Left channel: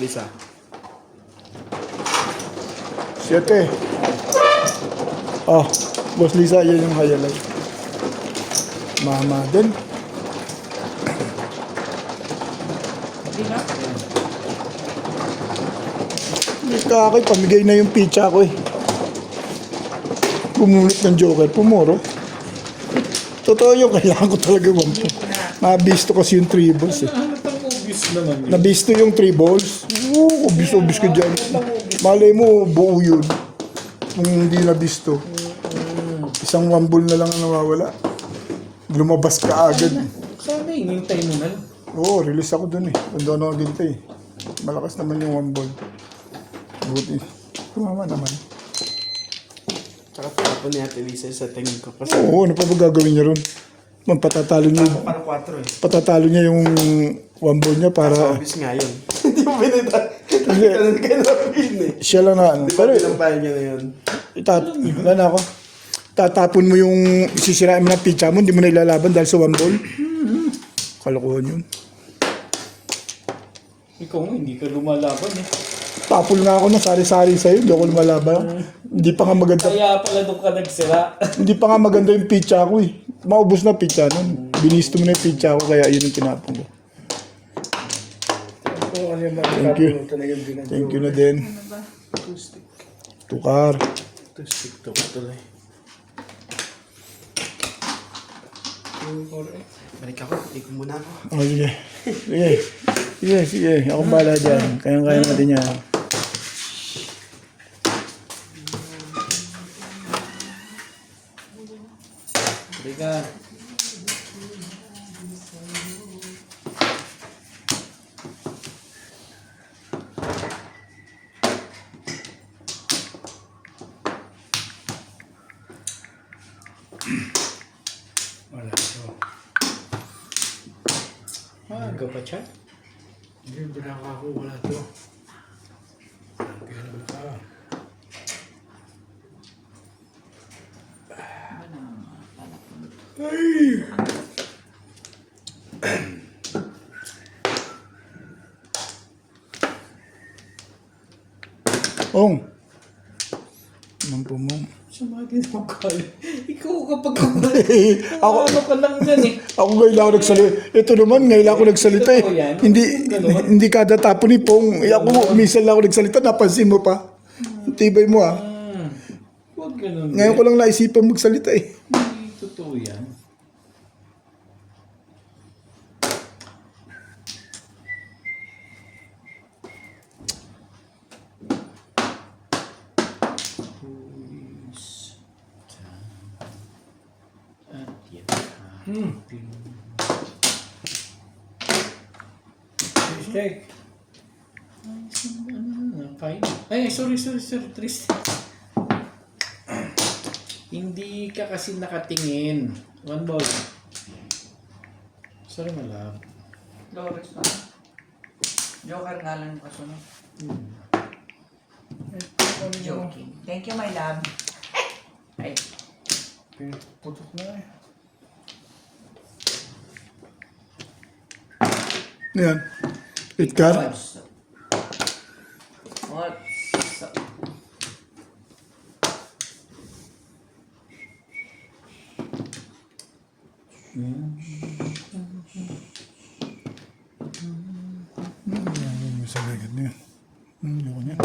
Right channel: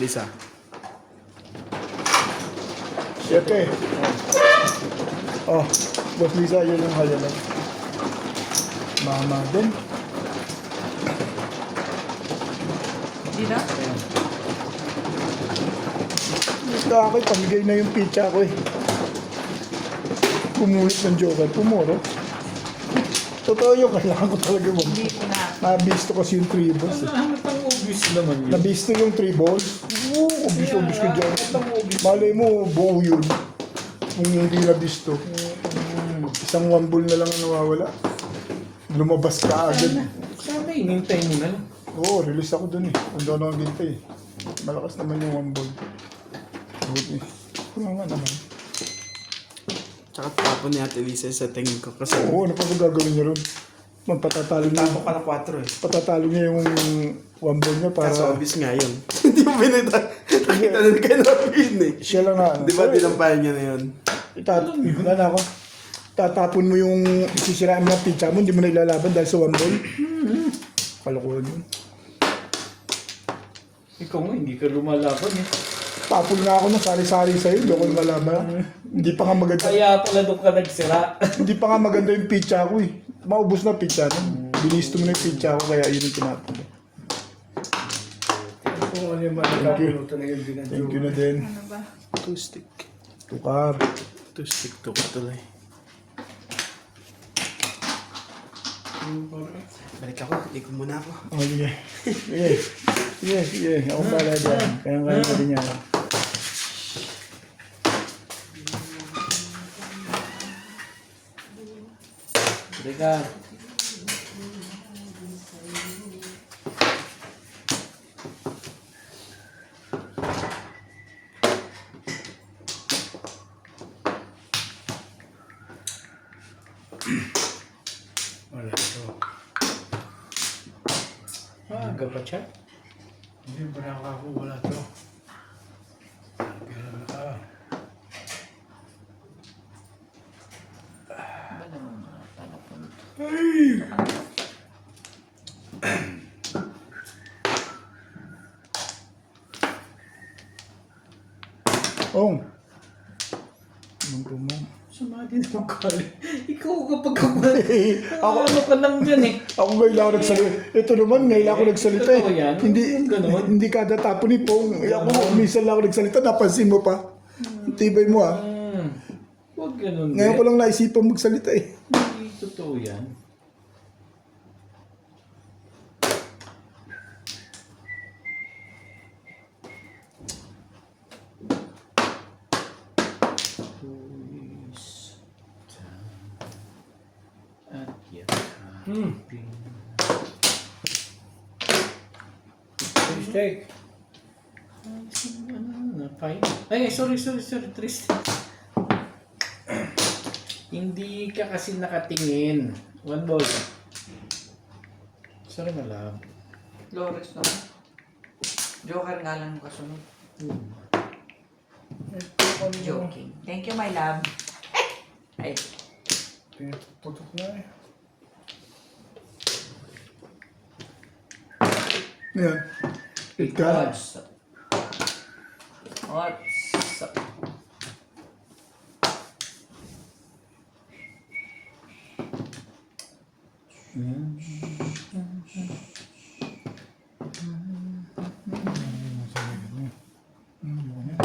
Lisa. 7. Oh, Boss Lisa, yan yung highlight. Mama din. Hindi na. Kakay, pamigay na yung pizza ko eh. Pumulit ng Joker, pumuro. Totoo yung kailangan ko talaga mo. Nabisto kasi yung 3 balls eh. Ano pang obvious naman yun? Nabisto yung 3 balls. Obvious ko dyan. Malay mo, buo yun. Kung hindi nabisto. Isang 1 ball na lang ang nawawala. Lumabas ka agad. Sana inintay mo na. Oo, release ako dun eh. Kung doon ako dito eh. Malakas naman yung 1 ball. Buti. Kumama naman. Tsaka tapon ni Ate Lisa sa tingin ko. Kasi Oo, ano pa ba gagawin niya ron? Patatalo niya. tapo pa ng 4 eh. Patatalo niya yung 1 ball niya para... Kaso obvious nga yun. Hindi mo pinita. Ganun ka na pin eh. Siya lang na ano. Di ba binampayan niya na yun? Wala na ako. Tatapon mo yung isisiraan mo ng pizza mo, hindi mo na ilalaban dahil sa 1 ball. Kalokohan yun. Ikaw nga, hindi ka lumalaban eh. Tapol nga ako ng sari-sari sa'yo, hindi ako lumalaban. Hindi pa nga maganda. Kaya pala doon ka nagsira. Hindi pa nga maganda yung pizza ko eh. Maubos na pizza nun. Binisto mo na yung pizza ko, kaya yun yung tinapon ko. Thank you. Thank you na din. Ano ba? Two stick. Tukar. Two stick to tuloy. Balik ako. Liko muna ako. Oh, sige. Sige. Sige, sige. Ako bahala dyan. Kaya-kaya natin yan. Hindi ka. Wala to. Aga pa siya? Hindi ba ako wala to? Kaya naman ka. Ba naman mga talapon? Ong. Anong po mo? Sumati naman ka. Ikaw kapag kapag. Ako, Ano ka lang yan eh. ako ngayon ako nagsalita. Ito naman, ngayon ako nagsalita eh. Totoo yan? Hindi, Ganun? hindi kada tapo ni Pong. Eh, ako, minsan lang ako nagsalita, napansin mo pa. Tibay mo ah. Huwag ganun. Ngayon ko lang naisipan magsalita eh. Hindi totoo yan. At yan. Steak. Ay, sorry, Tristan. Hindi ka kasi nakatingin. 1 ball. Sorry, malab. Flores na. Joker nga lang kasunod. Joking. Thank you, my love. Ay, Pinuputok na eh. Yan. Itkar. odds. Odds. Sa ligid niya. Yun yan.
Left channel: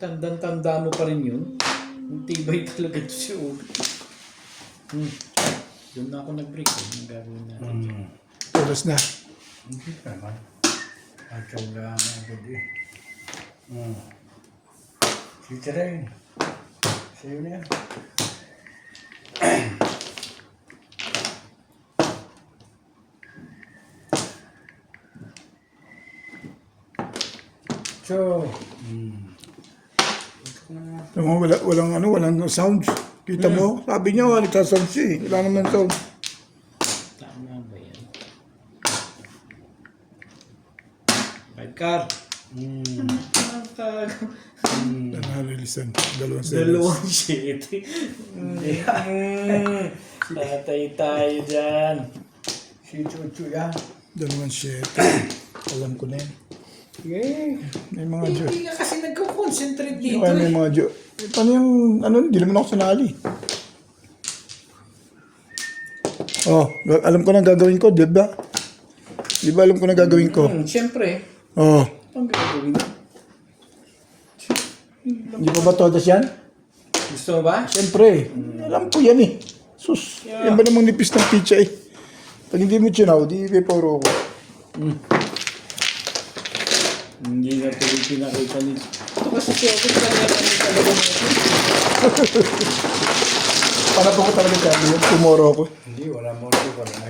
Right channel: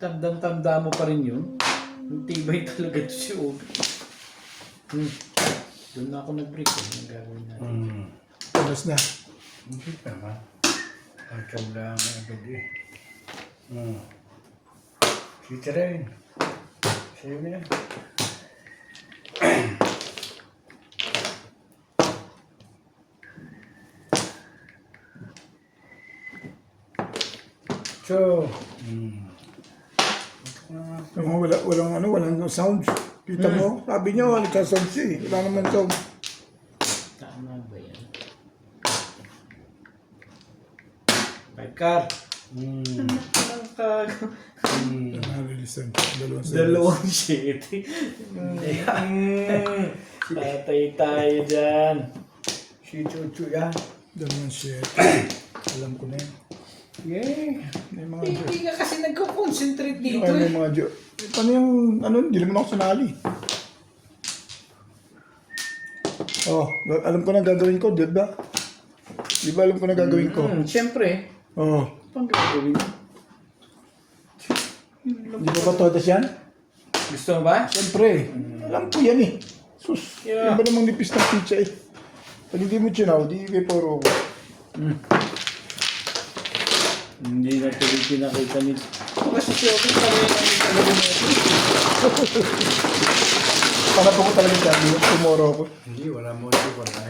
Tandang-tanda mo pa rin yun. Yung tibay talaga ito si Obi. Doon na ako nag-break. Ang gagawin natin. Oras na. Hindi naman. Ayaw lang agad eh. Si Tirain. Sa'yo na yan. So, walang sounds. Kita mo? Sabi niya, wala nagka-sounds siya eh. Wala naman sound. Tama ba yan? Pagkar. Nalilisan. Dalawang series. Dalawang shit. Tatay tayo dyan. Si Chuchu yan. Dalawang shit. Alam ko na yan. Yeah. May mga jo. Hindi ka kasi nagko-concentrate dito Ano eh. yung mga jo? Paano yung, ano, hindi naman ako sinali. Oh, alam ko na gagawin ko, di ba? Di ba alam ko na gagawin ko? Siyempre. Oh, Pang gagawin. hindi pa ba todas yan? Gusto mo ba? Siyempre, alam ko yan eh. Sus, Yeah. yan ba namang nipis ng pizza eh? Pag hindi mo chinaw, di may puro ko. Hindi na tuloy pinakita nito. Ito kasi si Obit kami yan ang talaga nito. Para po ko talaga sabi yun, tumoro ko. Hindi, wala mo ito pa na.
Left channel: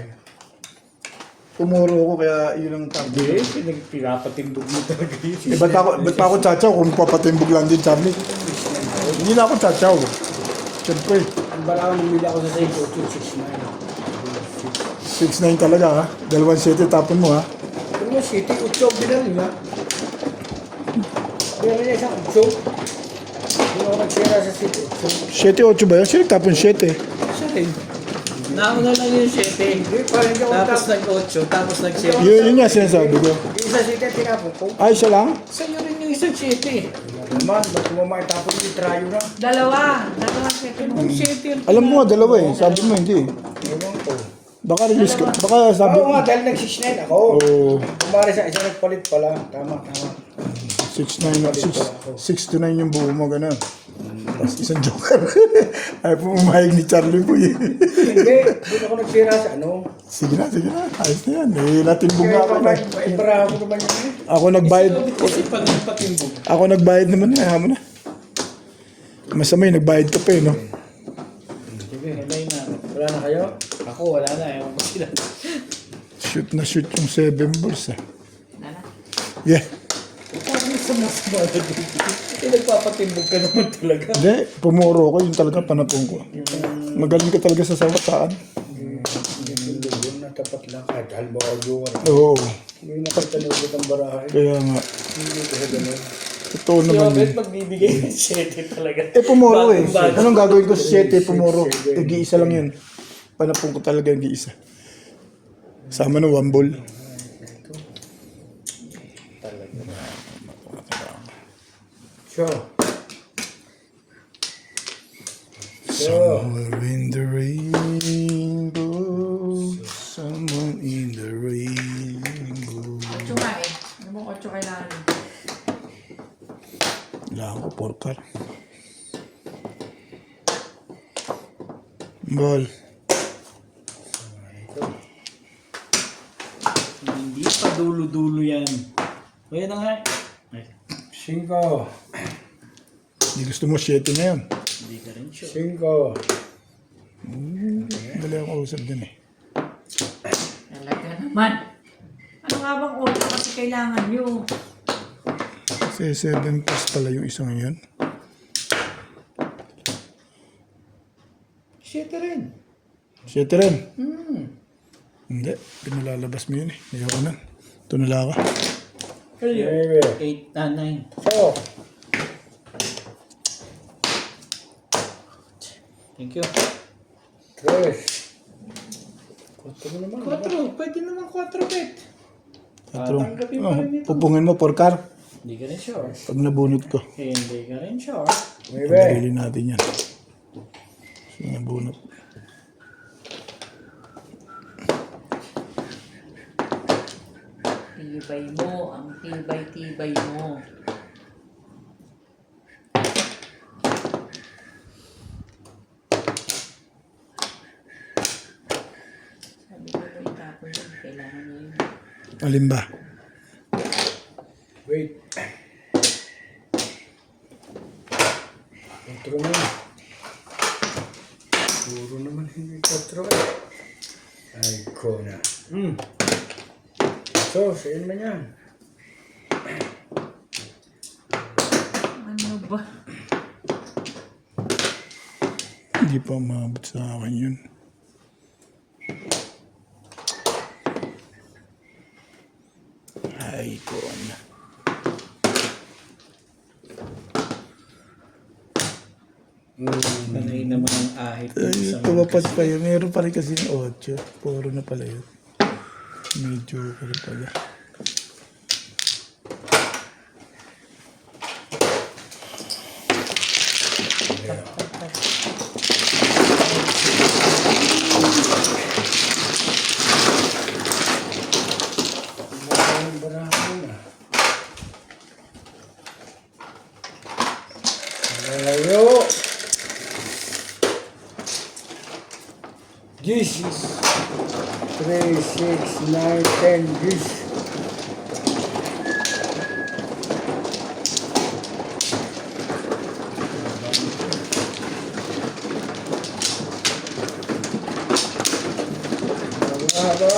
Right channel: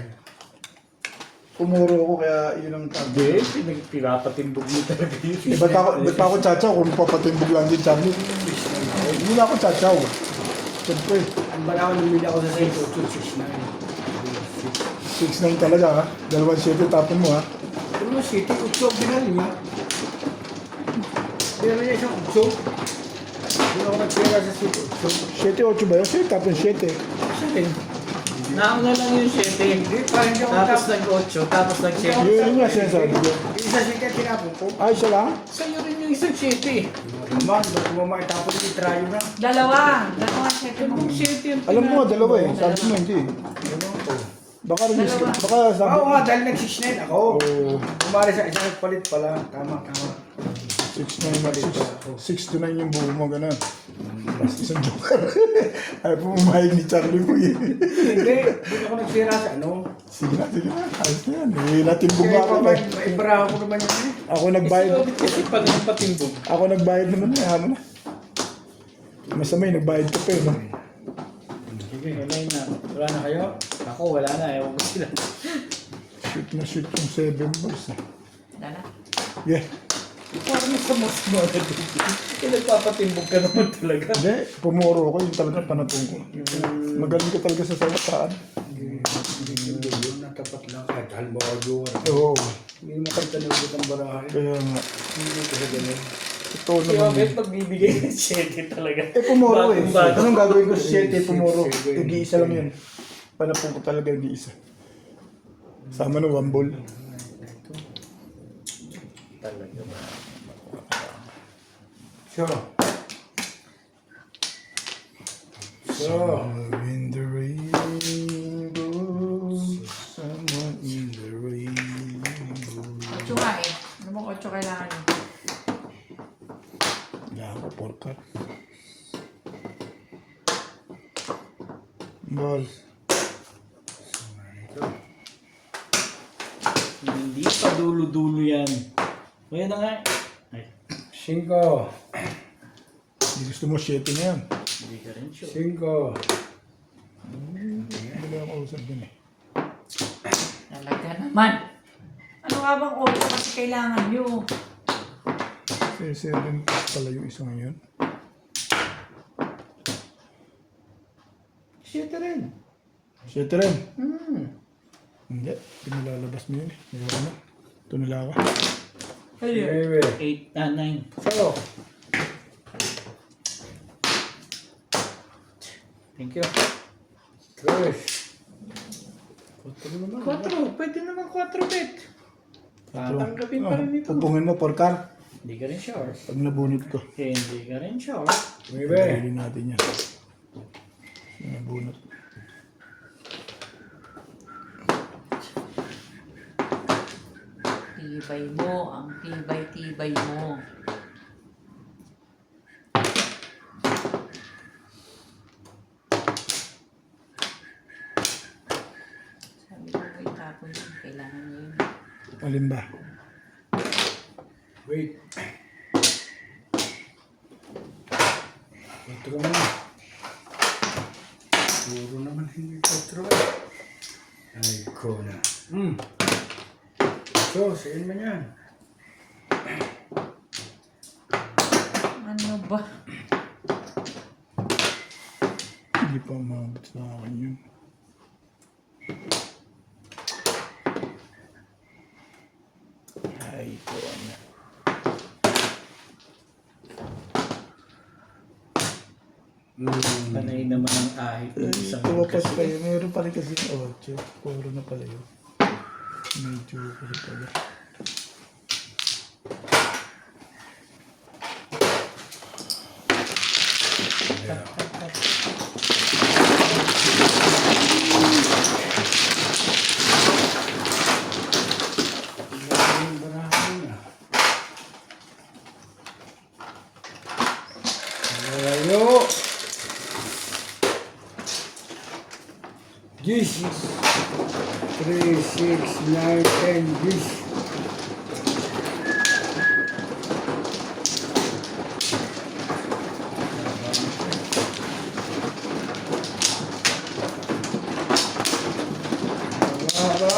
Tumoro ko kaya yun ang Hindi, tabi. pinapatimbog mo talaga yun. Eh, ba't pa ako tsatsaw kung papatimbog lang din, Charlie? Hindi na ako tsatsaw. Siyempre, Ang bala ko namili ako sa Saint 869. 6'9 talaga ha. Dalawang sete tapon mo ha. Pero mo, City, 8 binal niya. Binal niya isang 8. Hindi ako nagsira sa City 8. 7-8 ba yun? Sino tapon 7? Sa akin. Nauna lang yung 7. Hindi, parang hindi ako Tapos tapos. nag-8, tapos nag-7. Yun nga sinasabi ko. Isa City at tinapon ko. Ay, isa lang? Sa'yo rin yung isang 7. Naman, ba't ko makitapon yung trayo na? Dalawa siya. Kung 7 Alam mo, dalawa eh. Sabi mo hindi. Ewan ko. Baka release ka. Baka sabi Oo nga, dahil nag-6'9 ako. Oh, Kumari sa isa nagpalit pala. Tama. 6 to 9 yung buo mo, gano'n. Tapos isang joker. Ay po umahig ni Charlie po eh. Hindi, doon ako nagsira sa ano. Sige na. Ayos na yan. Eh, natimbog Kaya ako na. ibarahan ko naman yun eh. Ako nagbayad. Kasi pag napatimbog. Ako nagbayad naman. Kaya mo na. Masama yung nagbayad ka pa eh, no? Sige, Wala na. wala na kayo? Ako wala na, ewan ko sila. Shoot yung 7 balls eh. Nana. Yeah. Parang sumusma na dito. Kung nagpapatimbog ka naman talaga. Hindi, pumuro ko. Yung talaga panapong ko. Magaling ka talaga sa sawataan. Hindi yun, natapat lang. Kahit halmo or Oo. Hindi mo kayo tanugot ang barahay. Kaya nga. Hindi kasi gano'n. Totoo Si naman Obet yun. magbibigay ng 7 talaga. Eh, pumuro eh. Bagong-bago. Anong gagawin ko sa 7? Pumuro. Nag-iisa lang yun. Panapong ko talaga nag-iisa. Sama ng 1 ball. So. Somewhere in the rainbow, someone in the rainbow. 8 nga eh. Ano mo 8 kailangan? Wala ako, porkar. Ball. Hindi pa dulo-dulo yan. Kaya na nga. Ay, 5. Hindi gusto mo 7 na yan. hindi ka rin sure. 5. Dali ako usap dyan eh. Talaga naman. Ano nga bang 8 kasi kailangan nyo? Kasi 7 plus pala yung isang yun. 7 rin. 7 rin. Hindi, pinalalabas mo yun eh. Ayoko na. Ito na lang ako. Kaya 9. 8, 9. So. Thank you. 3. 4 naman. 4. Pwede naman 4 bet. Tatanggapin pa rin ito. Pupungin mo, porkar. Hindi ka rin sure. Pag nabunot ko. Hindi ka rin sure. 9. Pagdalili natin yan. Nabunot. Tibay mo. Ang tibay-tibay mo. Sabi ko ba itapon yun? Kailangan nyo yun. Alin ba? Wait. 4 naman. Puro naman hindi 4. Ay, ko na. So, saan man yan? Ano ba? Hindi pa maabot sa akin yun. Ay, ko na. Panay naman ang ahit ng Ay, isang tumapas pa yun. Meron pa rin kasi yung 8. Puro na pala yun. Medyo pala pala. Malayo. Gis. 3, 6, 9, 10. Gis. Haba.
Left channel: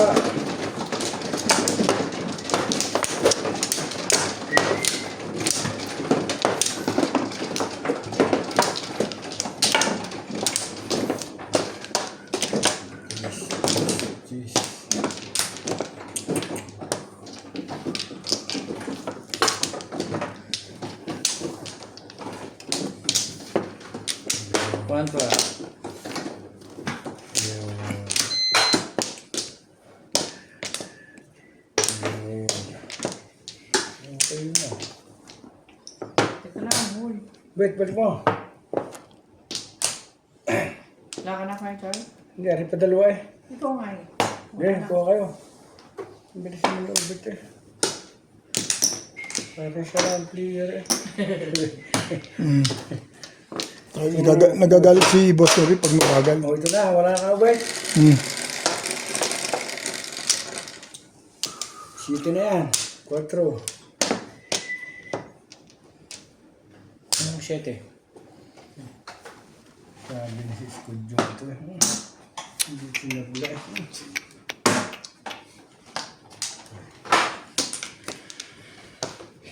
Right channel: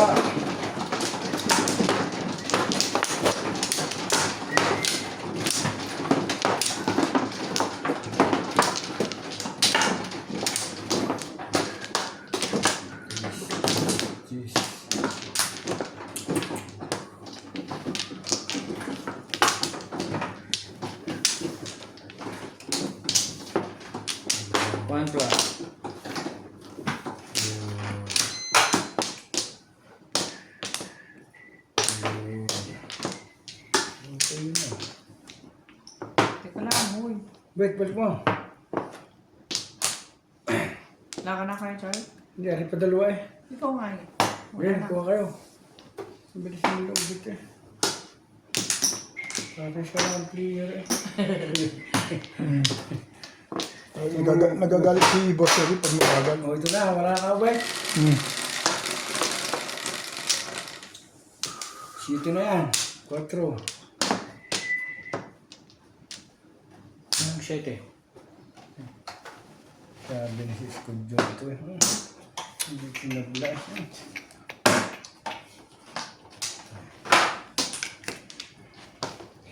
Gis. Kontra. Okay na. Teka lang, huy. Wait, balik mo. Wala ka na kayo, Charlie? Hindi, ari pa dalawa eh. Ikaw nga eh. Okay, kuha kayo. Ang bilis naman yung ubit eh. Parang siya lang player eh. Nagagalit si Boss Terry pag mabagal. O ito na, wala ka ubit. Sito na yan. 4. 7. Sabi na si Skudyo ito eh. Hindi pinagla eh.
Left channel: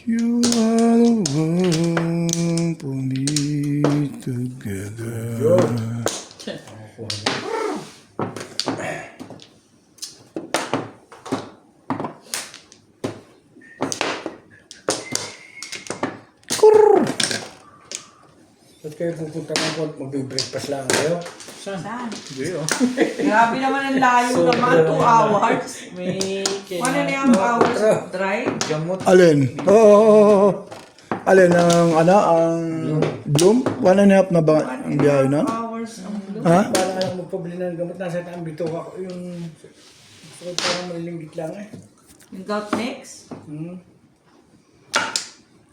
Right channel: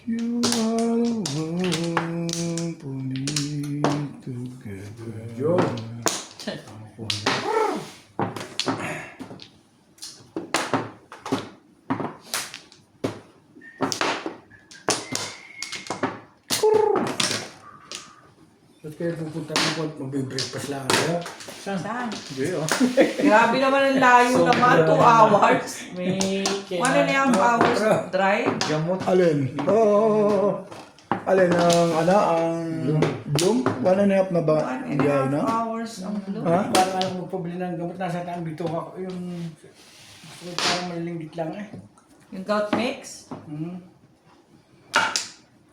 You are the one for me together. Yo! Ba't kayo pupunta ng port? Mag-breakfast lang kayo? Saan? Hindi oh. Grabe naman ang layo naman. 2 hours. May 1 and a half hours drive. gamot. Alin? Oo. Alin ang ano ang Bloom? 1.5 na ba ang biyahe na? 1.5 hours ang blue. Ha? Parang ayaw magpabili ng gamot. Nasa taang bito ako. Yung gusto ko parang malilinggit lang eh. Yung gout mix.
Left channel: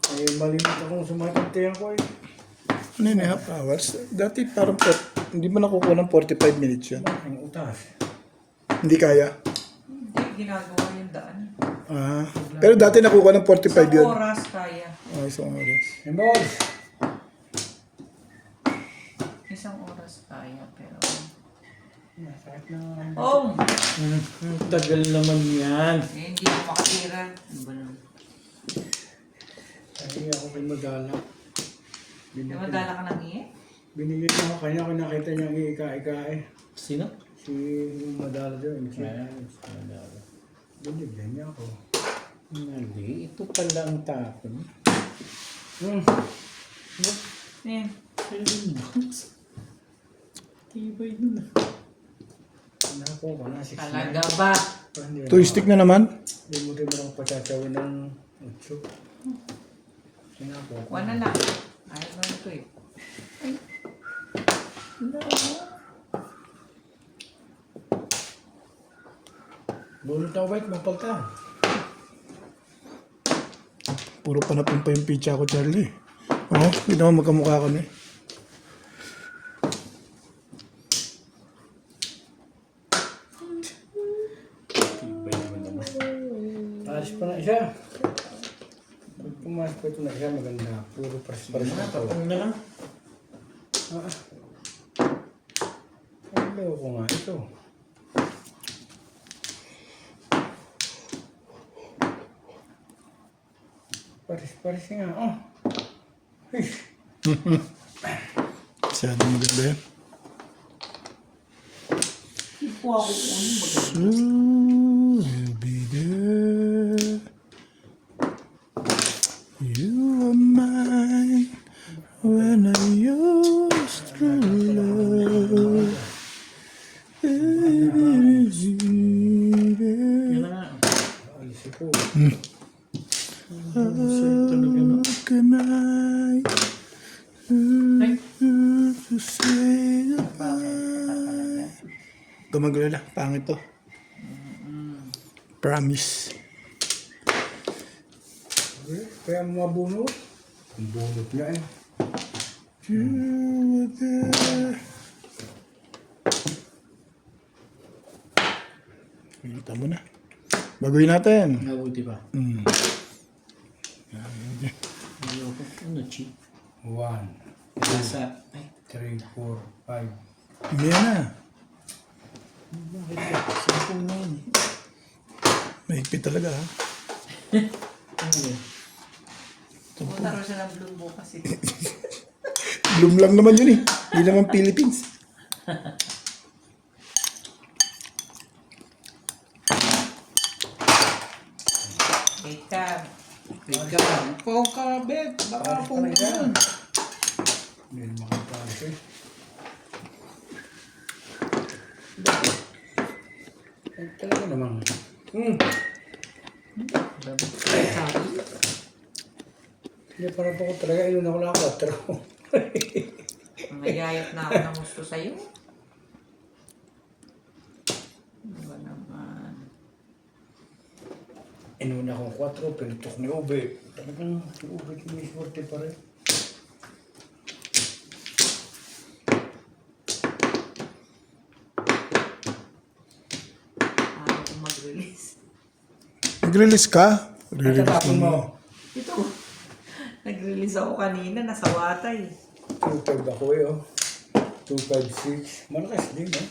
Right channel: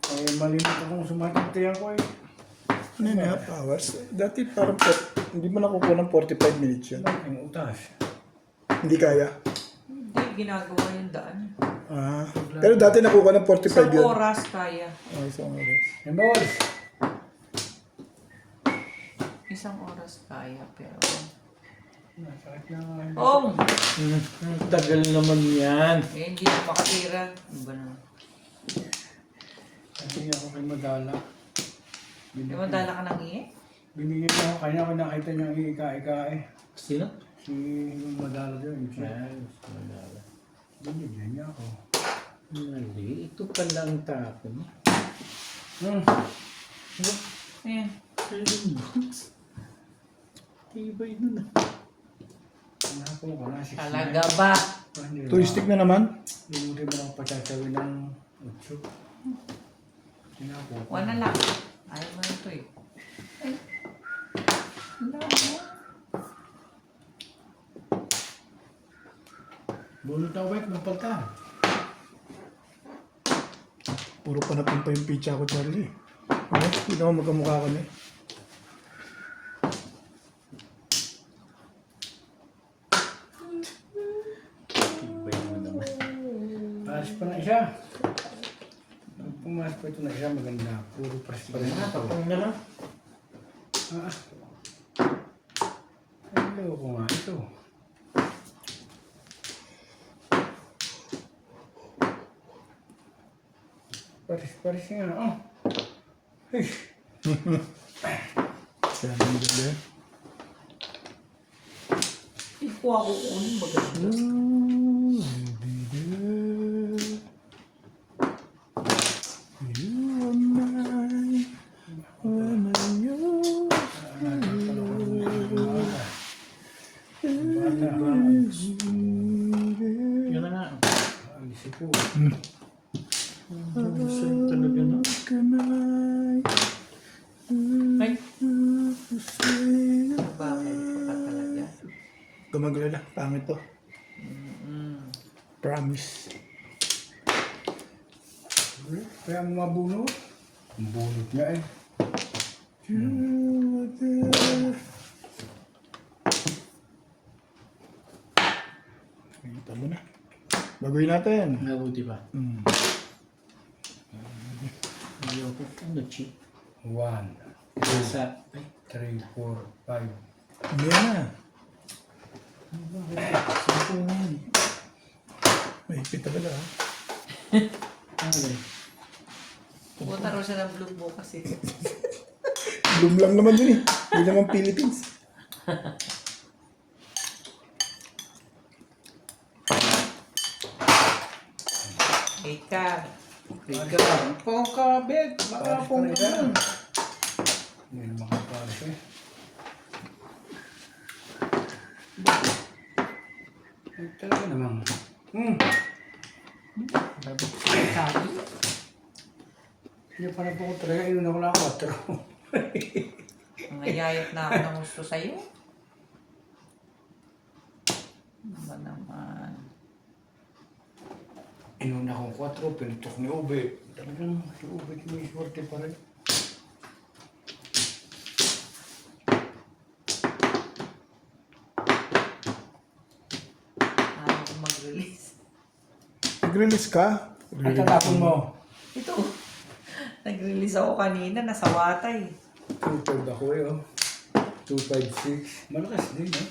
Eh, malimit akong sumakintayan ko eh. 1.5 hours? Dati parang hindi mo nakukuha ng 45 minutes yun. Ang utas. Hindi kaya. Hindi, ginagawa yung daan. Ah, pero dati nakukuha ng 45 Sa yun. oras kaya. Oh, isang oras. Hey, boys! Isang oras kaya, pero... Sakit na nga. Oh! Tagal naman yan. Eh, hindi na pakira. Ano ba naman? Hindi ako kay Madala. Di ba dala ka ng iye? Binigyan niya ako. Kanya ako nakita niya ang iika-ika eh. Sino? Si yung Madala doon. Si Malala. binigyan niya ako. Mali. Ito pala ang tapon. Ayan. Tibay nun ah. Nako ko na. 6'9". Talaga ba? Hindi Two stick na naman. Hindi mo rin mo lang patsachawin ng 8. Sinako ko. 1 na lang. Ayaw mo ito eh. Ay. No. Bulot na white, mapalta. Puro panapin pa yung pizza ko, Charlie. Oh, hindi naman magkamukha kami. Tibay naman naman. Paris pa na isa. Pag pumasok pa ito na isa, maganda. Puro pares-pares na ito. Ano lang? Hello ko nga ito. Pares-pares nga. Oh. Hey. Masyado maganda yan. Ikuha ko kung ano ba? You'll be there. You are mine when I used to love. Yan na nga. Alisip ko. Talaga no? How can I? Ay. maglala. Pangit to. Promise. Kaya ang mga bunot. Ang bunot niya eh. Kita mo na. Baguhin natin. Mabuti pa. Mm. Ayoko. Ano, cheap? 1, Sa... Ay, 3, 4, 5. Hindi na. bakit? Sampo na yan. Mahigpit talaga ha. Ano? Punta raw siya ng blue bukas eh. Bloom lang naman yun eh. Hindi naman Philippines. Ika. Pong kabit. Baka na pong yun. Hindi na makapalis eh. Ay, talaga namang. Hindi pa na po ko talaga. Inunan ko lang 4. Ngayayat na ako ng gusto sa'yo. Ano ba naman? Inuna kong 4, pinutok ni Ube. Talagang si Ube sumiswerte pa rin. Ako mag-release. Mag-release ka? At tatapon mo. Ito. Nag-release ako kanina. Nasa watay. 2.5 ako eh oh. 2.56. Malakas din eh.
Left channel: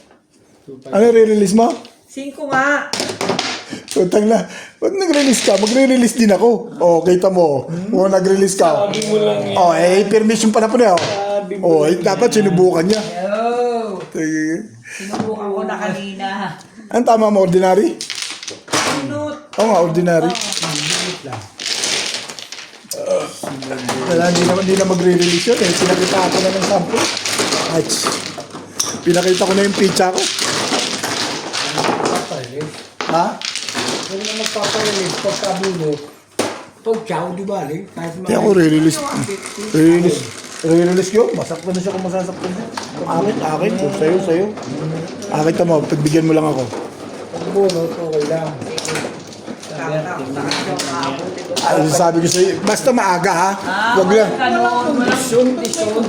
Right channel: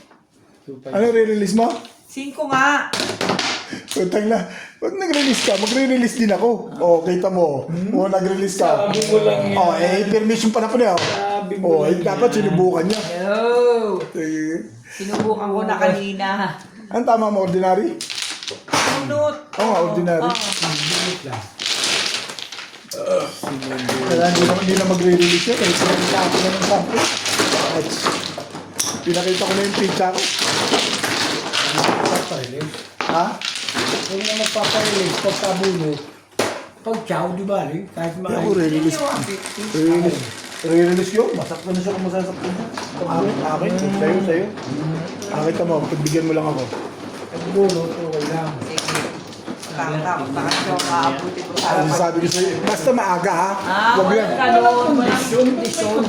Ano re-release mo? 5 nga. Utang na. Pag nag-release ka, magre-release din ako. O, kita mo. O, nag-release ka. Sabi mo lang yan. O, permission pa na po niya. Sabi mo O, dapat sinubukan niya. Yo! Sige. Sinubukan ko na kanina. Ang tama mo, ordinary? Minut. Oo nga, ordinary. Bilit lang. Wala, hindi na magre-release yun. Kaya sinakita ako na ng sample. Pinakita ko na yung pizza ko. Magpaparilis. Ha? Huwag na magpaparilis. Pagkabunot. Pag chow, di ba? Kahit Hindi ako re-release. Re-release. Re-release yun. Masak na siya kung masasaktan niya. Akin. Sa'yo. Akin ka mo. Pagbigyan mo lang ako. Pagbunot, okay lang. Ano sabi ko sa'yo? Basta maaga ha. Huwag lang. Kondisyon.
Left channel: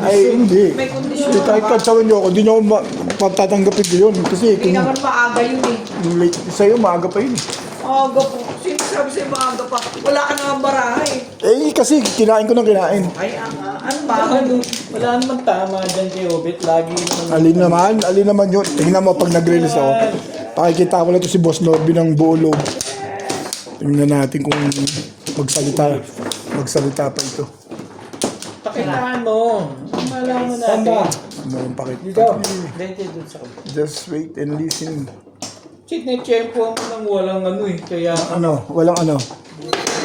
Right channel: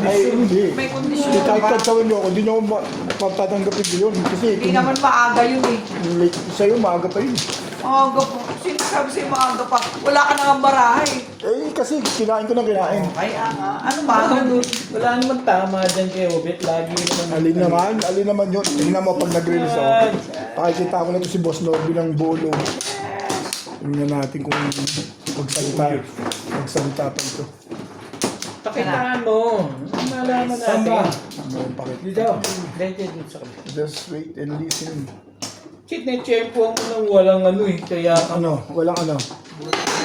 Ay, hindi. May kondisyon Hindi kahit ba? katsawin niyo ako, hindi niyo ako magtatanggapin ko yun. Kasi Hindi kung naman maaga yun eh. yung late sa'yo, maaga pa yun. Maaga po. Sino sabi sa'yo maaga pa? Wala ka nang baraha eh. Eh, kasi kinain ko ng kinain. Ay, ano maaga nun? Wala naman tama dyan kay Obet. Lagi naman. Alin naman yun. Tingnan mo pag nag-release ako. Pakikita ko na to si Boss Norby ng buo loob. Tingnan natin kung magsalita pa ito. Pakitaan mo. Malaman Saan ba? natin. Ano ang pakita? Dito. Dito sa kabila. Just wait and listen. Sinetsyempo mo nang walang ano eh. Kaya Ano? Walang ano?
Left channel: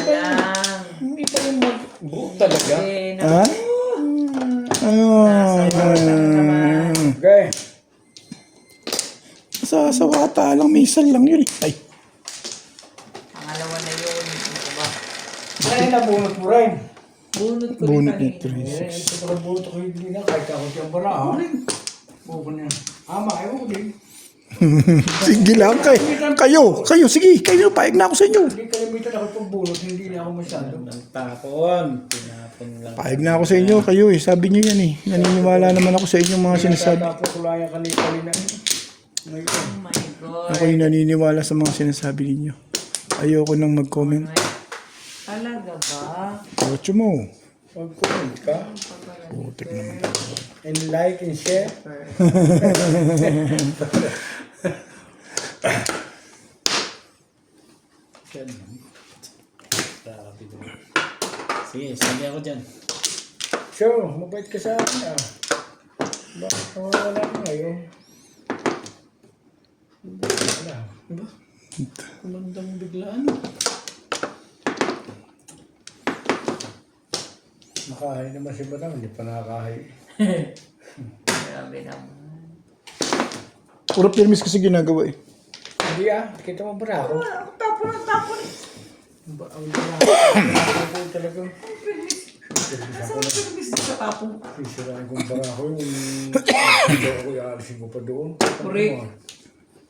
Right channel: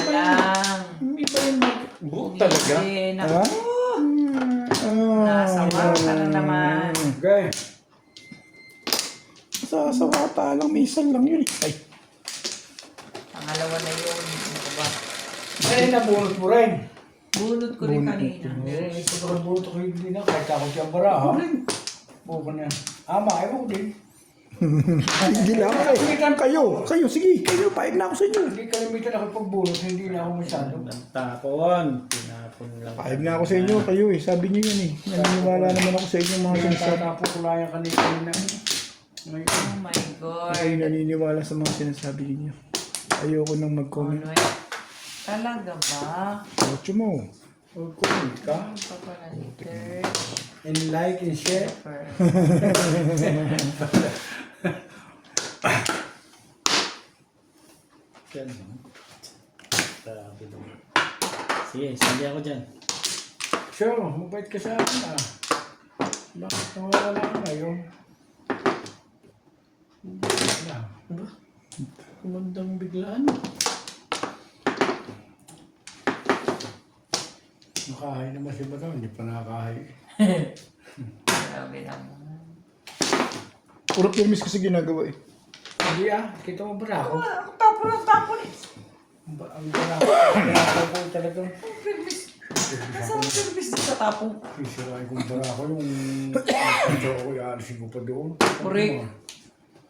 Lang. hindi pa rin buhok talaga. Eh, Ha? Okay. Sa wata lang, minsan lang yun eh. Ay, Pangalawa na yun. Ano ba? Ay, nabunot mo rin. Bunot ko rin bunot kanina. nito. Eh, ito ka bunot ko hindi na. Kahit ako siyang bara ha. Bukan yan. Makain mo ko din. Sige lang kayo, sige, kayo, paig na ako sa inyo. Hindi kalimitan ako pagbunot. Hindi na ako masyado. Ang tapon. Tinapon lang. Paig na ako sa inyo, kayo eh, sabi niyo yan eh. Naniniwala naman ako sa inyo mga sinasabi. Tapos tulayan kanina. Ngayon. Oh my God. Ako yung naniniwala sa mga sinasabi ninyo. Ayoko nang mag-comment. Talaga ba? Ocho mo. Mag-comment ka. Putik naman. And like and share. Yan. Sabi mo. Sige, sabi ako dyan. Sure, mabait ka sa akin ah. Bakit nawawala ka ngayon? Wala. Ba? Kumandang biglaan. Nakahay naman si Madam, hindi pa nakakahay. Grabe naman. Puro permis kasi ginagawa eh. Hindi ah, kita mo ba ako? Tapon ang tapon. Ang bara ko talaga. Saan mo service sa tapon? Sisirain kong bara ko yung ito ako, ialisin ko pa doon. Correct.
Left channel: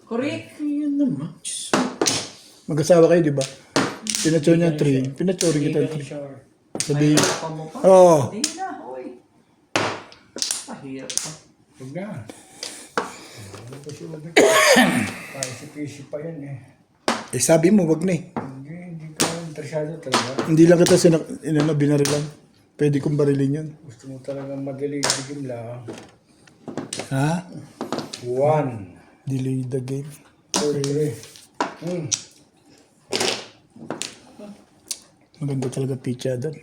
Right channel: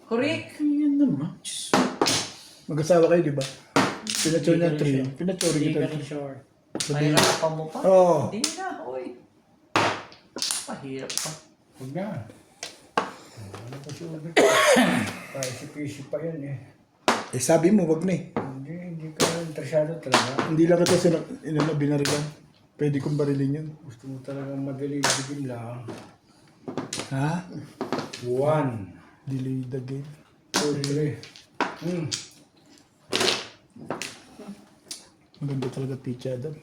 Correct. Yan naman. Diyos. Mag-asawa kayo, di ba? Pinatsura niya 3. Pinatsura Hindi kita ka rin 3. sure. Sabi, Mahirapan mo pa. Oo. Hindi na, oy. Mahirap pa. Huwag na. Ano pa siya ulit? Tayo si PC pa yan eh. eh sabi mo, wag na eh. Hindi ka interesado talaga. Hindi lang kita binarilan. Pwede kong barilin yun. Gusto mo talagang madali bigim lang. Ha? 1, Delay the game. 2, 3. Maganda talaga pizza doon.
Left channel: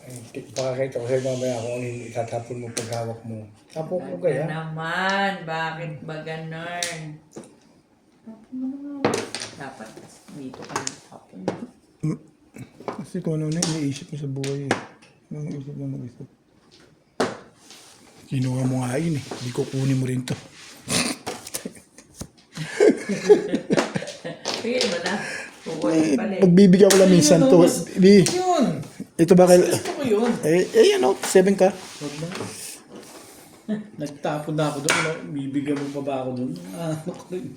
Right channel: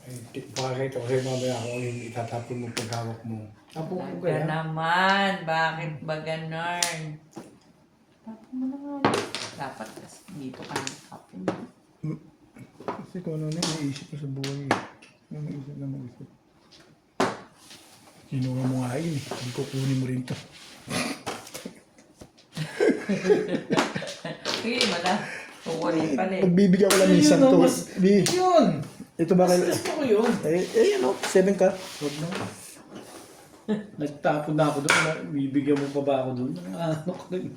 Ay, pakakita ko sa'yo mamaya kung ano itatapon mo paghawak mo. Tapon ko Kaya kaya. naman, bakit ba ganun? Tapon mo naman. Dapat dito ka tapon. Kasi kung ano na iniisip mo sa buhay eh. Ano isip na mag-isip. Kinuha mo nga yun eh. Hindi ko kunin mo rin to. Sige mo na. Pukunin pala eh. Pagbibigyan ko lang minsan to. Di, Yun. ito ba kayo? Gusto ko yun. Ano? 7 ka? Huwag na. Nagtapon na ako doon. Bibigyan mo pa ba ako doon? Ano ko rin.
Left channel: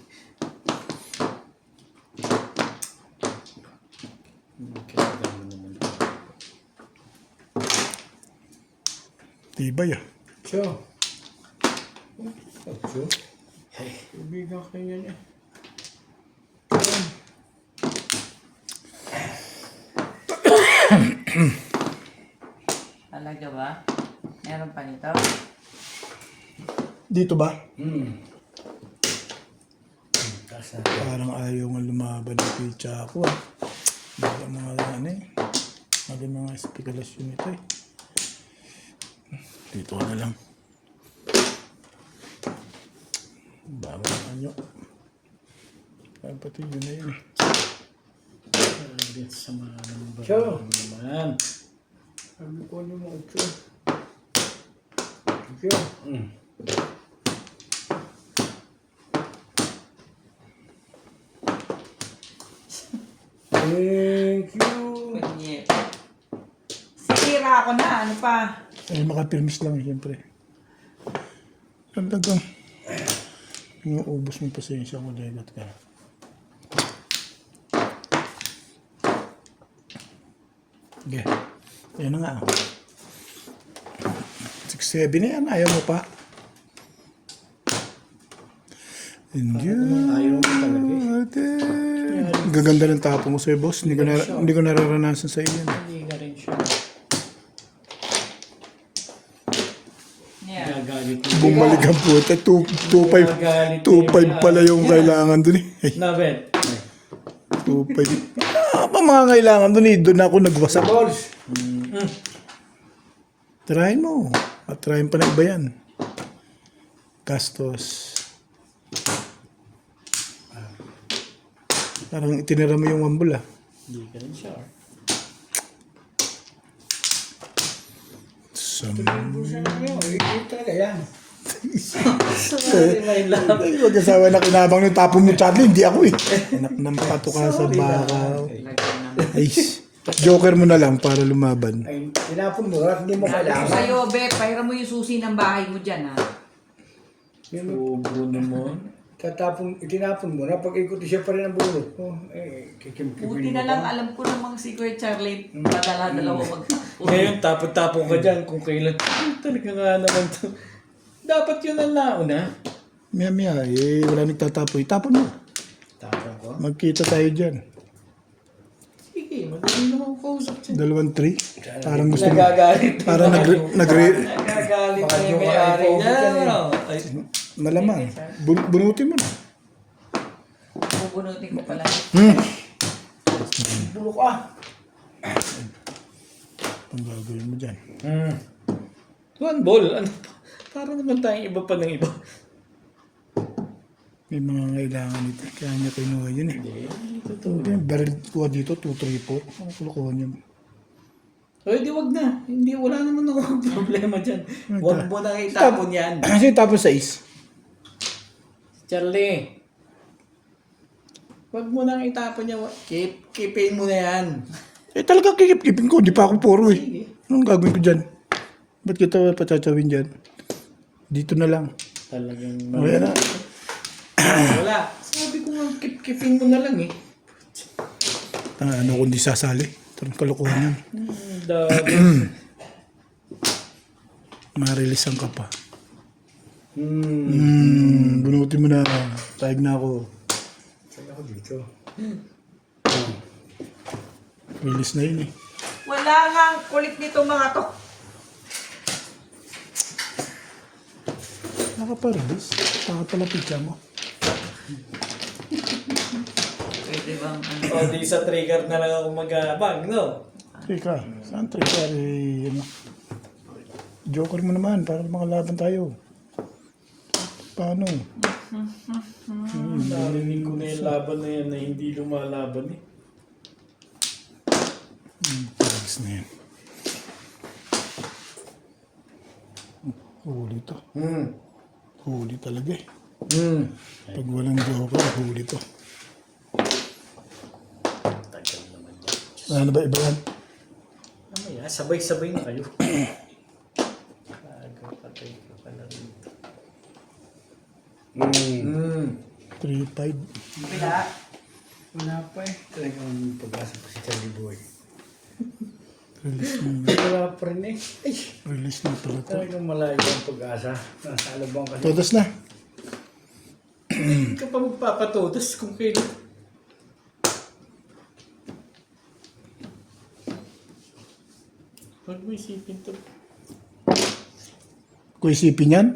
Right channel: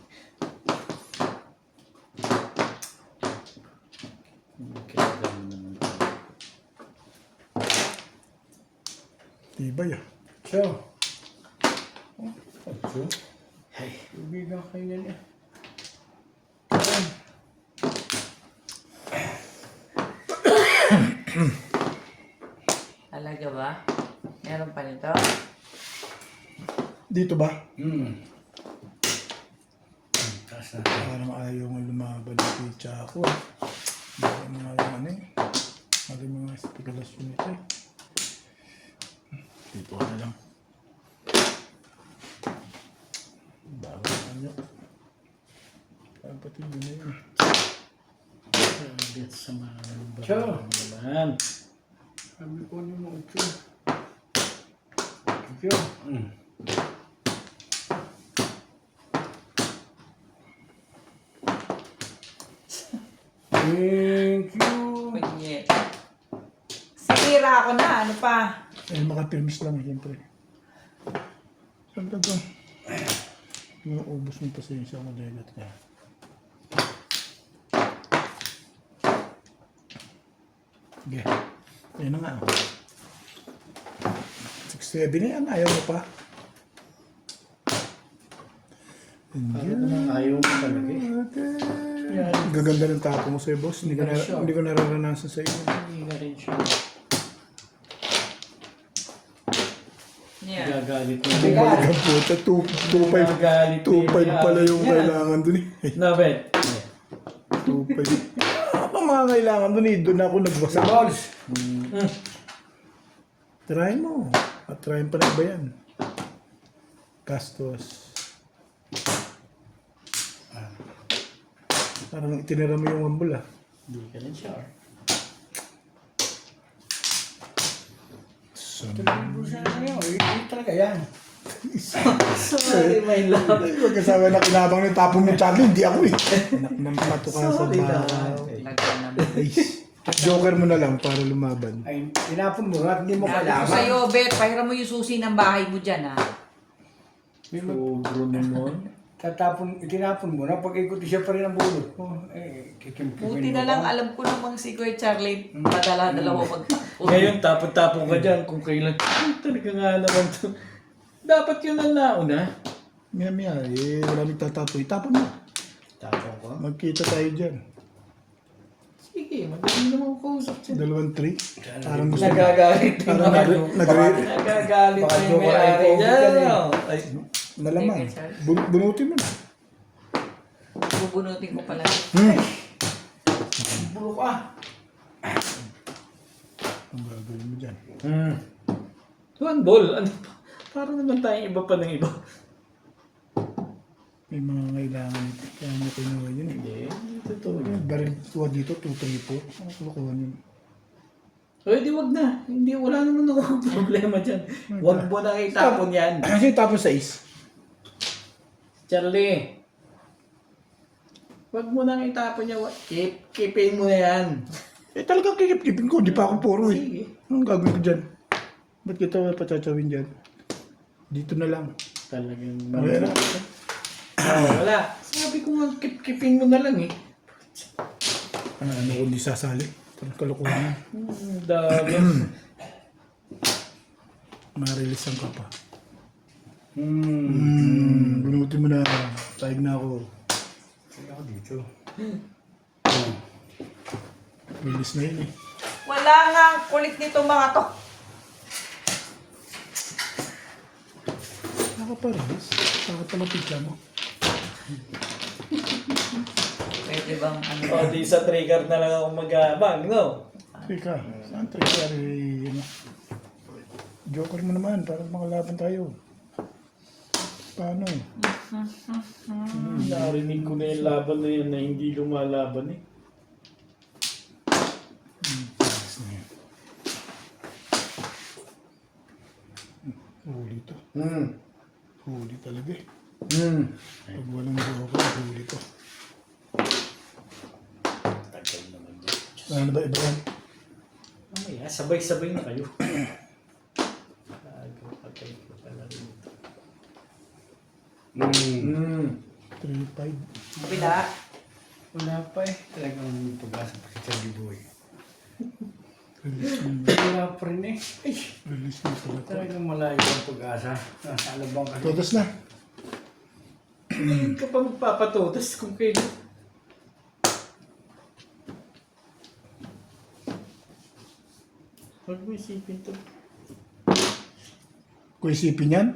Tibay ah. So. So. Ibigan kayo yan eh. Talaga ba? Meron pa nito? Dito ba? Taas na. Parang ayaw nga lumaban ng pizza ako ah. Baka mga ano eh. Mga mga spekulasyon ito eh. Dito na lang. Bawal na nyo. Kapatid yun na yun eh. Sa mga Sure. naman. Sabi ko nyo mga 8. So. Thank you. Kunyet. Sira ako na. Ano pa? Eh, makapirmis lang siyempre. Talagang yung ubos ng pasensya ko, legot ka. Okay. Yan na nga. 6-7 na yan. Ayaw mo pa. Hindi. Ayaw mo talaga eh. Ate. Gaganda ng tapo mo sa'yo, boss. Hindi ko nararanasan sa iyo. Hindi ka rin sure. Yeah. Gagalit mo. Bumalik ang puta. 2.5 pala yung kailangan dun eh. Nabet. 2.5. Apa mga kailangan dun eh. Doon ako nagwasak. Balls. Tirahin mo. At tirahin pa na iba yan. Gastos. Parang itinira mo yung wambul ah. Hindi ka rin sure. Busa na kayo. Ito talaga yan. Sorry, my love. Mag-asawa na kinabang ng tapon mo, Charlie. Hindi ako eh. Anak ng pato ka sa Sorry, baka. Lagyan naman. Ay, joker mo na lang para lumaban. Ay, tinapon mo at hindi mo Ako kailangan. sa'yo, Bet. Pahiram mo yung susi ng bahay mo dyan, ha? Sobro naman. Itinapon mo na pag ikot siya pa rin ang bulot. Oh, eh, kikim-kimin Buti na mo lang, pa. alam ko namang si Kuya Charlie, padala-dalawa magtapon. Ngayon, tapon-tapon ka dyan kung kailan. Talaga nga naman to. Dapat yun ang nauna. Maya, eh, wala nagtatapoy. Tapon mo. Tapon ko? Magkita tayo dyan. Sige, madali naman kausap siya. 2-3. Parang gusto mo. Nagagalit. Parang Nagagalit Baka na yung joke ka may-ari na yung niya. yan eh. Ay, malamang. Bunutin mo na. Bubunutin ko pala. Bulok ah. Ang gagawin mo dyan. one ball. Ano pa? Para naman tayong iba pa ng iba. May mga kailangan nito. Kaya niya kinuha yun eh. Hindi, totoo. Baril ko dito, 2-3-4. Ang kulukuhan yun. Ay, di wag na. Hindi, wala naman akong problema dyan. Wag mo nang itapon yan. Kasi tapos 6. Charlie. Wag mo nang itapon yan. Keepin mo na yan. Eh talagang kikip-kipin ko. Di pa ako puro eh. Sige. Anong gagawin ko dyan? Ba't kita patatawin dyan? Dito na lang. Talagang Okay na. Wala. Sabi ko nga, kipin mo na lang eh. Ano kung di sasali? Tarang kalukuhan yan. Dami. Marilisan ka pa. Hmm. Bunutin mo na. Tayag na ako. Saan ako dito? Release na yun eh. Wala nga ang kulit nito mga to. Nakapa-release? Nakapalapit mo. Pwede bang ano? O, di sa trigger na lang ako mag-bang, no? Teka, saan trigger eh, ano? Joker mo naman para makalaban tayo. Paano? Narinig ko na yung laban na yun na hindi lumalaban eh. Tags na yan. Huli to. Huli talaga eh. Pag walang joker, huli to. Tagal naman ba? Ano ba iba yan? Mamaya, sabay-sabay na kayo. Patay ko pala rito. 3-5. Bila. Wala pa eh. Talagang pag-asa pa si Charlie Boy. Release na. Wala pa rin eh. Ay! Release na pala to. Talagang malayo ang pag-asa. Nasa alabang kasi. Todos na. Hindi ka pa magpapatotos kung kailan. Huwag mo isipin to. Kung isipin yan,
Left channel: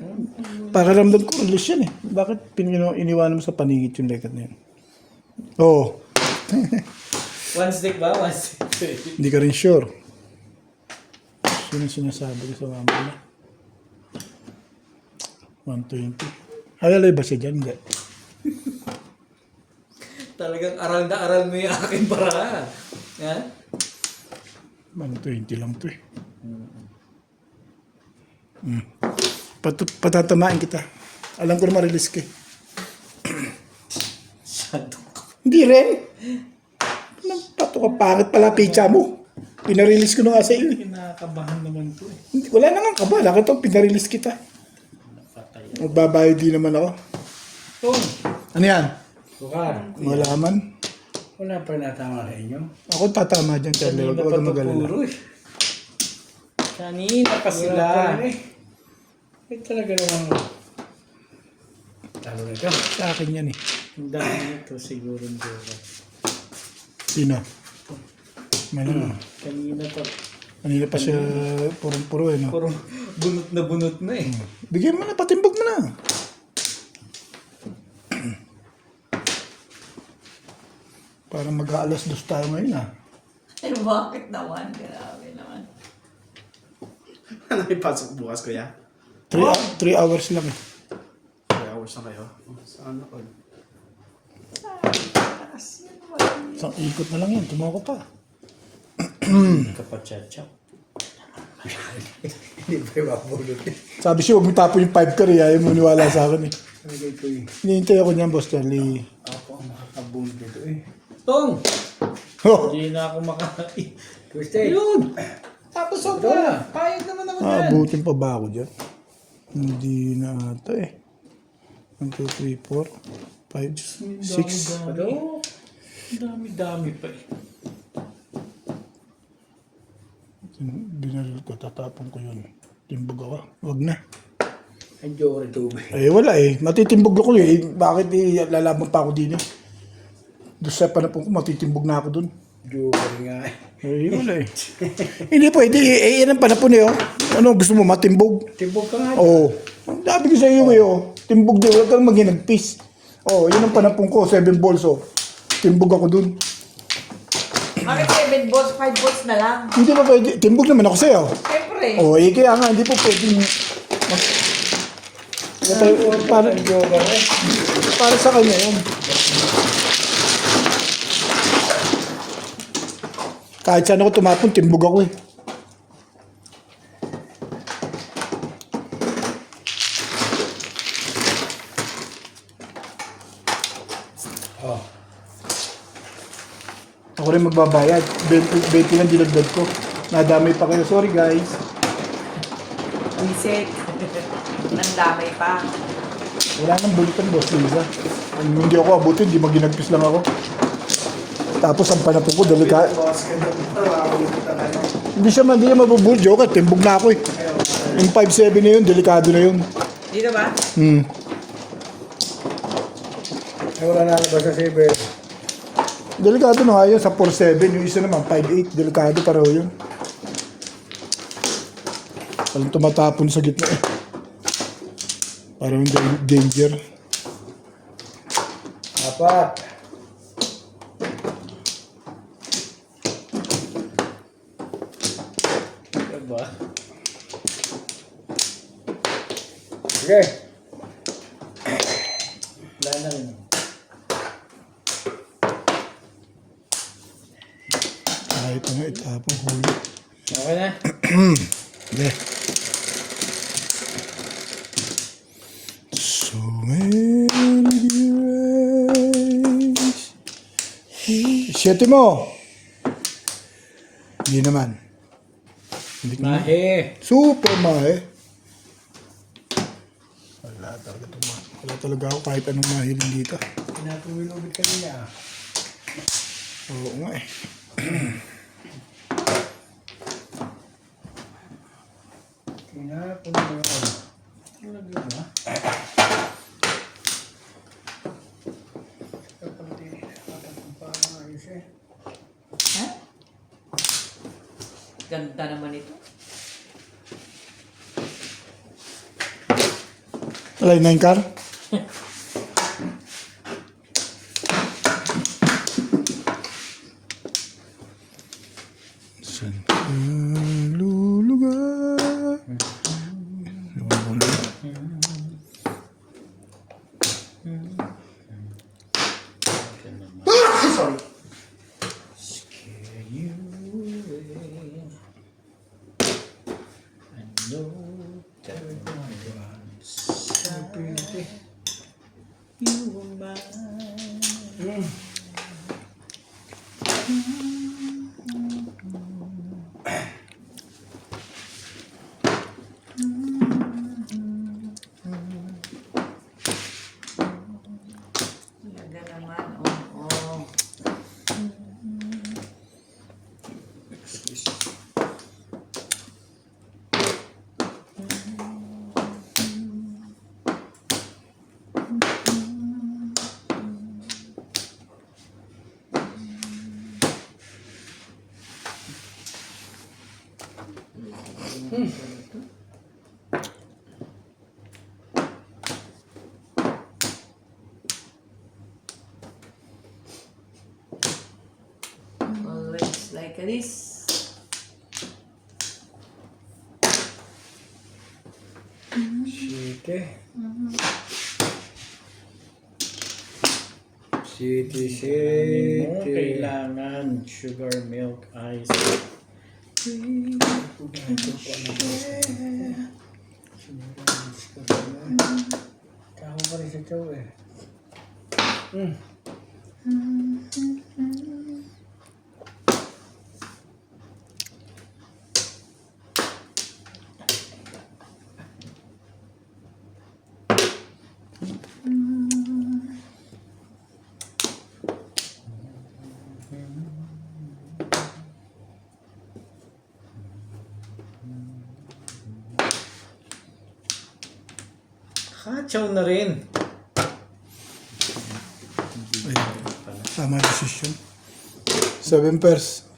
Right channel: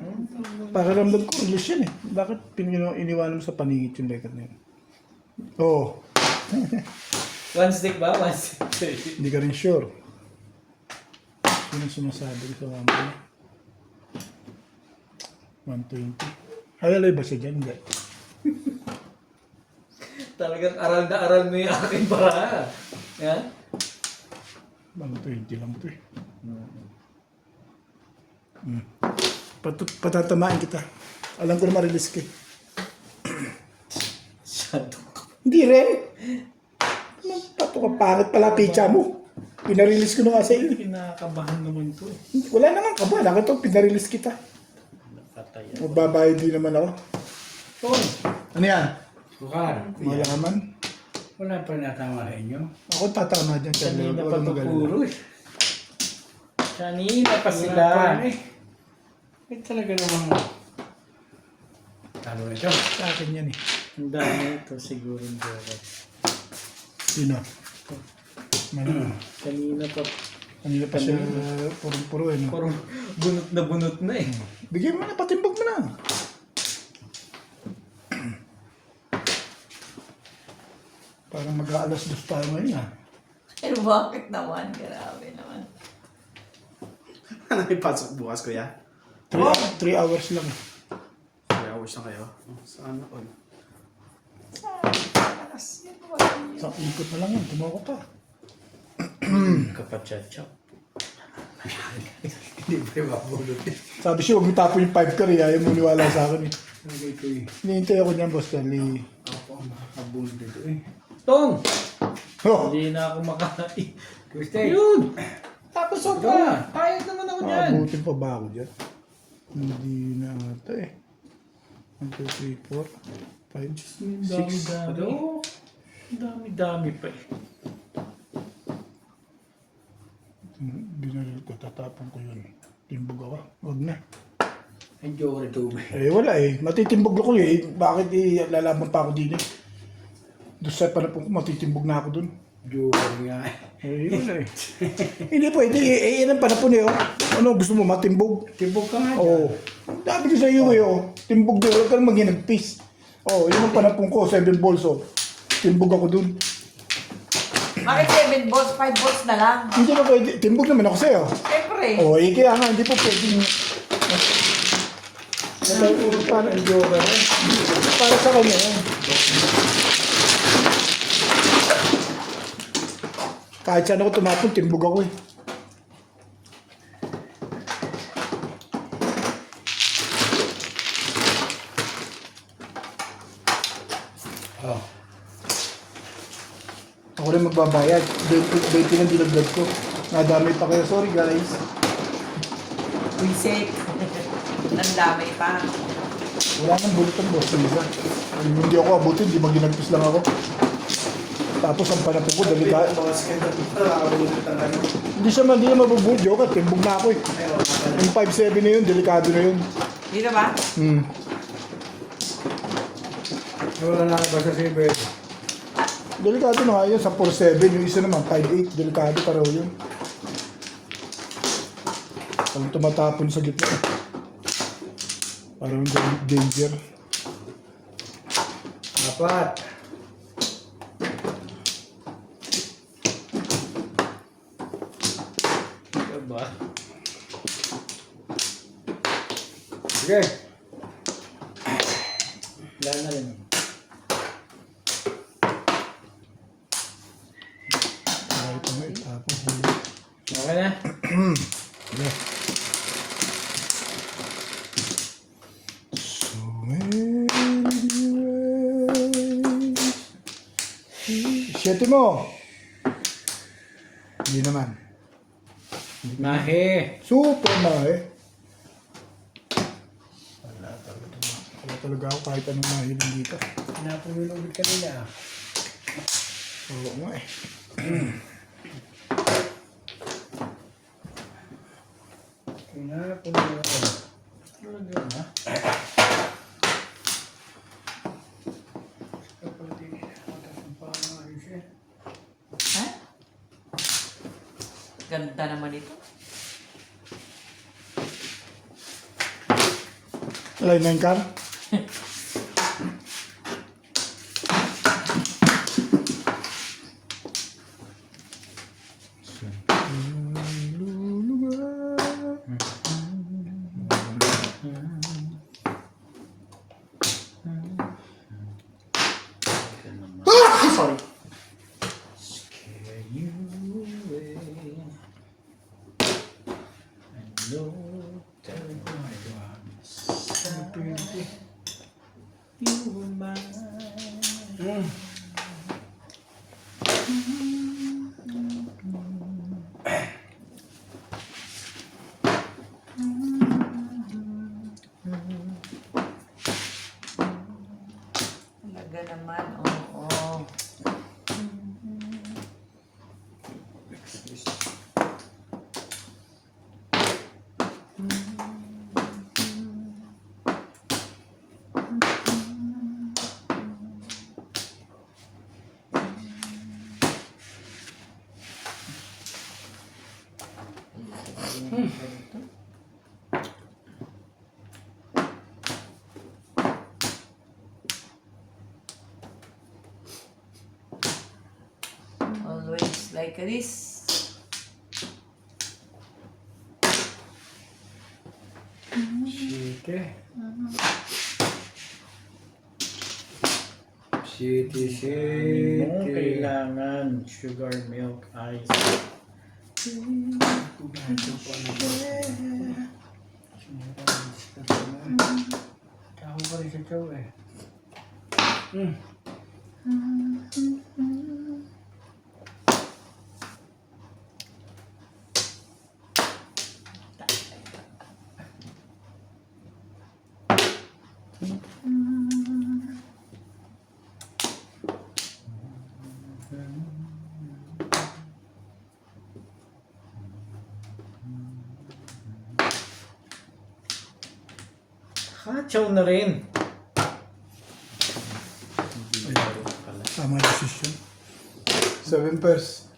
pakaramdam ko release yan eh. Bakit iniwanan mo sa paningit yung lekat na yun? Oo. One stick ba? One stick. Hindi ka rin sure. Sino sinasabi ko sa mama niya? 120. Halalay ba siya dyan? Hindi. Talagang aral na aral mo yung aking para. Yan? 120 lang to eh. Patatamaan kita. Alam ko na ma-release ka eh. Shadow. Hindi rin. Anong pato ka pangit pala pizza mo? Pinarelease ko na nga sa iyo eh. Kinakabahan naman to. Hindi, wala naman ka ba? Nakita ko, pinarelease kita. Napatay. Magbabayad din naman ako. Tom! Ano yan? Bukar. Wala ka man. Wala pa natama sa inyo. Ako tatama dyan, Charlie. Kanina Huwag pa ka to mag-alala. puro eh. Kanina pa Wala sila. pa rin eh. Eh talaga namang talo na ito. Sa akin yan eh. Ang dami ito siguro ng joker. Sino? Ano? Kanina pa. Kanina pa siya purong-puro eh. No? Puro bunot na eh. Bigyan mo na, patimbog mo na. Parang mag-aalas dos tayo ngayon ah. Pero bakit naman? Grabe naman. Ano may pasok bukas, kuya? 3 hours lang eh. 3 hours na kayo. Oh, saan ako? Isang ikot na lang yan, tumawa ka pa. Kapachachap. Hindi pa yung mapulot eh. Sabi siya, huwag mo tapon yung 5 car eh. Ayaw mo niwala sa akin eh. Talaga ito eh. Hinihintay ako niyan, Boss Charlie. Ako ang makakabulot dito eh. Tong! Oh, Hindi na ako makain. Tuesday! Yun! Tapos sobra. Payag naman ako dyan. maabutin pa ba ako dyan? Hindi na ata eh. 1, 2, 3, 4, 5, 6. Ano? Ang dami-dami pa eh. Binaril ko, tatapon ko yun. Timbog ako. Huwag na. Ay, Joker ito ba? Eh wala eh. Matitimbog ako eh. Bakit eh, lalaban pa ako din eh. Doon sa panapon ko, matitimbog na ako dun. Joker nga eh. Eh, wala eh. Hindi pwede eh. Yan ang panapon eh. Oh. Ano, gusto mo matimbog? Tibog ka nga. Oo. Ang dami ko sa iyo eh. Oh. Timbog din. Huwag kang maghinagpis. Oh, yun ang panapon ko. 7 balls oh. Timbog ako dun. Bakit 7 balls, 5 balls na lang? Hindi mo pwede. Timbog naman ako sa'yo. Siyempre. Oh, eh kaya nga. Hindi po pwede. Para, Joker eh. para sa kanya yun. Kahit saan ako tumapon, timbog ako eh. Oh. Ako rin magbabayad. 20 lang dinagdag ko. Nadamay pa kayo. Sorry guys. Reset. Ang damay pa. Wala nang bulitan, boss. Isa. Hindi ako abutin, hindi maginagpis lang ako. Tapos ang panapon ko, dalika. Hindi siya mabubul. Joke, timbog na ako eh. Yung 5'7 na yun, delikado na yun. Dito ba? Wala na ba sa 7? Delikado na nga yun sa 4'7. Yung isa naman, 5'8. Delikado pareho yun. Parang tumatapon sa gitna. Parang danger. 4. Diba? Sige. Wala na rin. Ay, ito nga itapang huli. Okay na? Yeah. So many ways. 7 mo. Hindi naman. Hindi naman. Mahe. Super mahe. Wala talaga ako kahit anong mahiling dito. Napumilubit kanina. Oo nga eh. Pinapumilubit. Talaga na. Kapag di nakatapang pa ang ayos eh. Ha? Ganda naman ito. Alay na yung car. Saan ka lulugar? Sorry. Scare you away. I know that I you were mine. Talaga naman, oo. Always like this. City. City, Hindi mo city. kailangan sugar milk ice. Tao pa rin sa chow eh. Kachaw na rin. Tama decision. 7 pairs.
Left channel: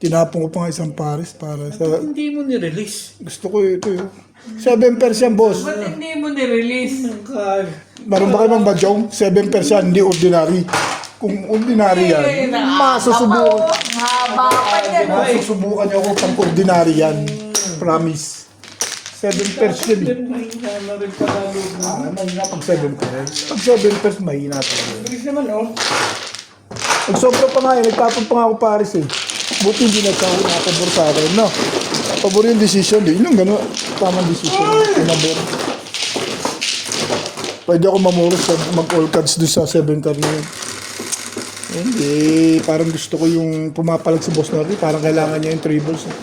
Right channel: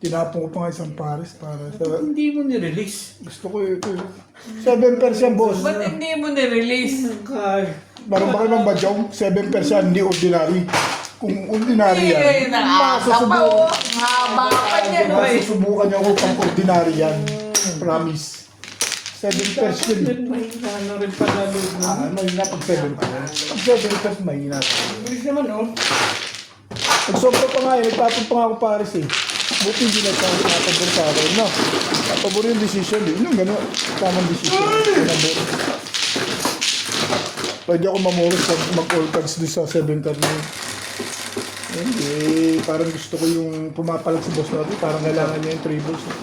Tinapon ko pa nga isang pares para sa... Hindi mo ni-release. Gusto ko ito. 7 pairs yan, boss. Ba't hindi mo nirelease? Meron ba kayo bang badyong? 7 pairs yan, hindi ordinary. Kung ordinary yan, masusubukan. Masusubukan niyo ako kung ordinary yan. Promise. 7 pairs yun. Ano rin panalo mo? Mahina pag 7 pairs. Pag 7 pairs, mahina pa. Bilis naman oh. Pag sobra pa nga eh, nagtapon pa nga ako pares eh. Buti hindi nakapabor sa akin, no? Pabor yung decision, di. Yun ang gano'n. Tamang decision. Pabor. Pwede ako mamuros mag-all cards doon sa 7 card na yun. Hindi, parang gusto ko yung pumapalag si boss natin. Parang kailangan niya yung 3 balls. Eh.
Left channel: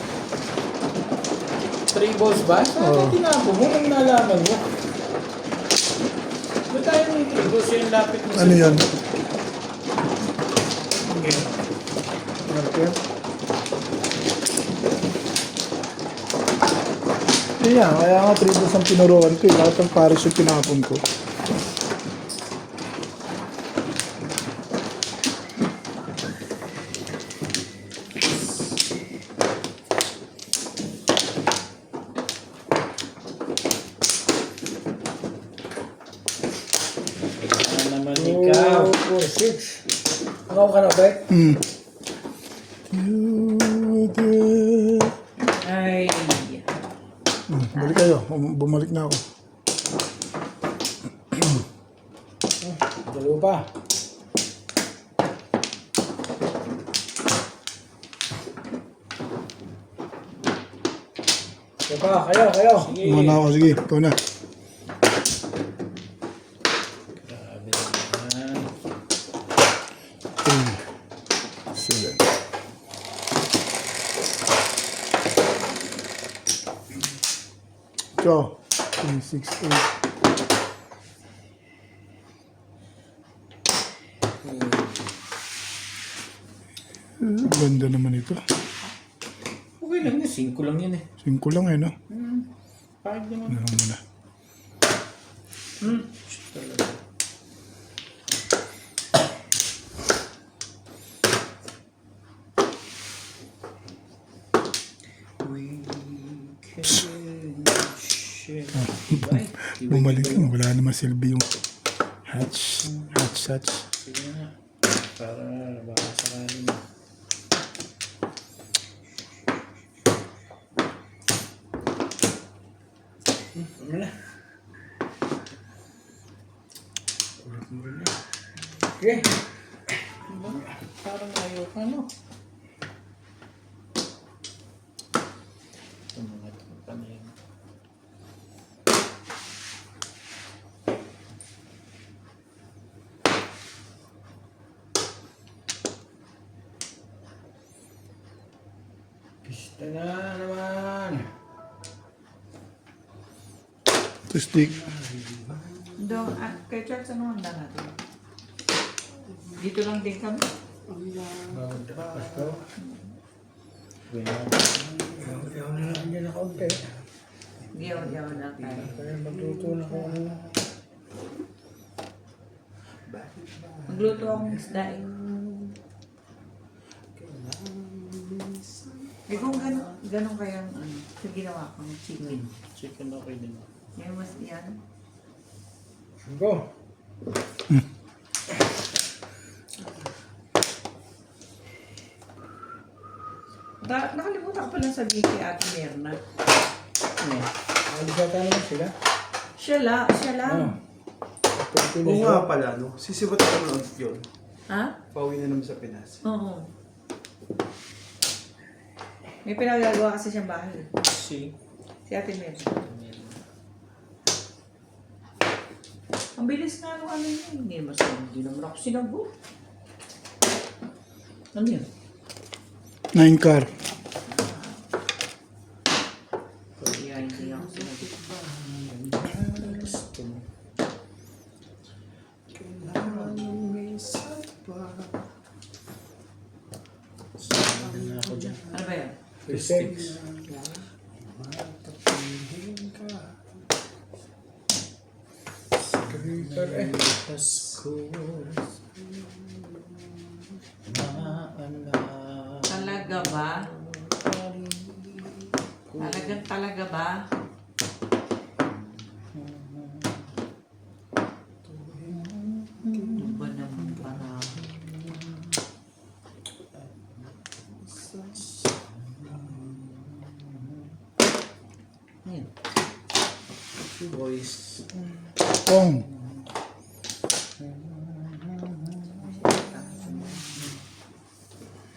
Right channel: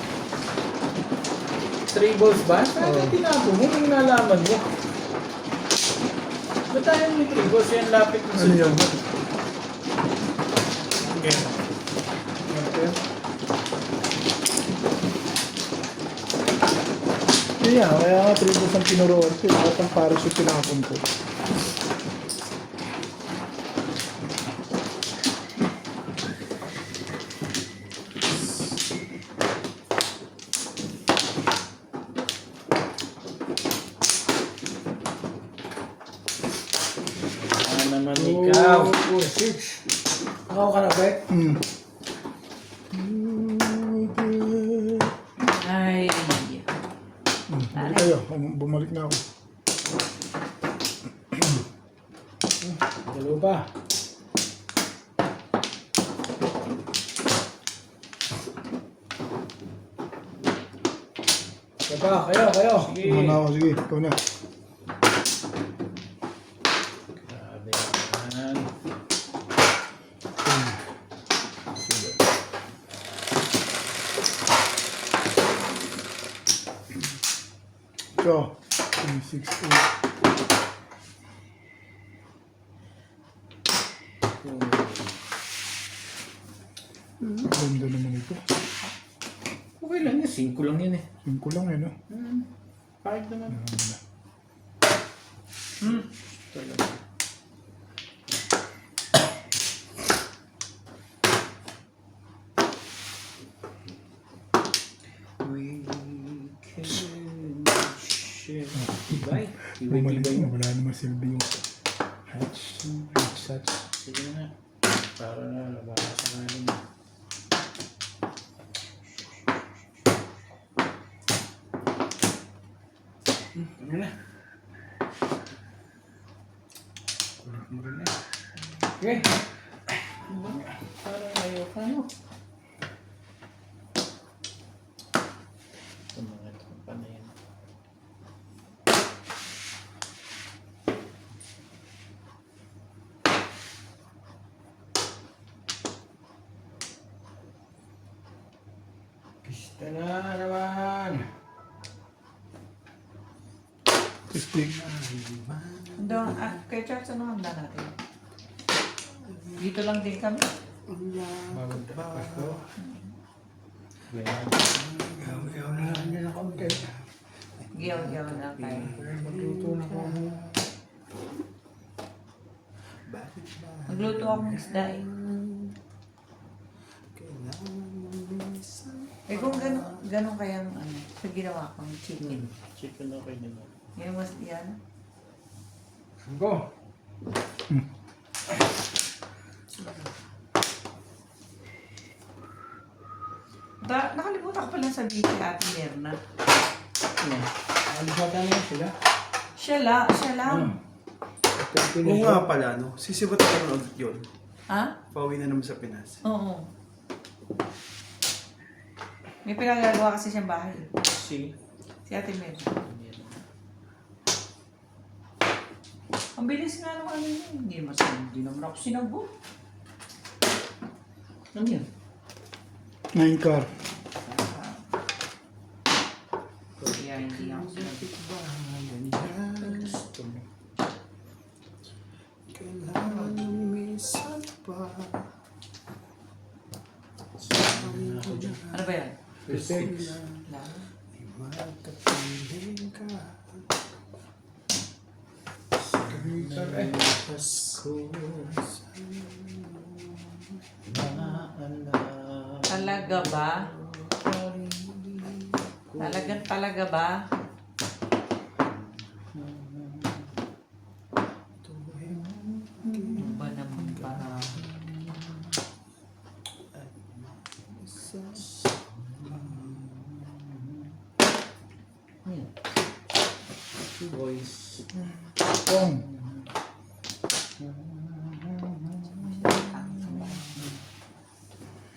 3 balls ba? Saan ka tinapo mo? Nung nalaman mo? Ba't tayo ng trigo? Siya ang lapit mo Ano yan? Okay. Okay. Kaya nga tribos ang pinuruan ko. Lahat ng pares yung tinapon ko. Naman ikaw. 4, 6. Ako ka na, Bek? Ay. Balik kayo. Bumalik na ako. Dalawa pa. Kayo. Sige. Muna ako. Sige, ikaw na. Grabe naman. 7. Ikaw. 3, 6, 8. Ganda naman ito. Okay lang yun. 5 lang yun eh. 5 lang no? Bakit naman? Ano muna. Talaga. We can share. Diba? Bumalik mo. Wala naman silbi yung hatch. Sige na. Para baka sakaling. Ano na? Kulit mo rin eh. Okay. Parang ayaw ka no. Ito mga tropa na yun. Pista na naman. Stick. Doon, kay Charles, ano handa natin? Dito lang din kami. Bawal na. Pasko. Ganyan. Ayaw na lang dyan na kaunti. Giyaw na tayo. Kaya magluto na ko ano. Magluto akong isda eh. Eh kung gano'n kayang ano, sa ginawa ko ng chicken. Chicken okay din. Yung mas yan. Go. Nakalimutan ko pala sabihin kay Ate Merna. Ano? Alisata na sila. Siya lang. Ano? Oo nga pala, no? Sisibot ako na ulit yun. Ha? Pauwi na naman sa Pinas. Oo. May pinagagawa kasi siyang bahay. Si Si Ate Merna. Ang bilis nga nung ano yun. Hindi naman ako sinabot. ano yan? 9 car. Kaya hindi ako sinabot. Gusto mo. Saan na ako dyan? Ano ba yan? 6. Eh. Talaga ba? Talaga ba? Ano ba naman ba? Yan. Boys. Pong.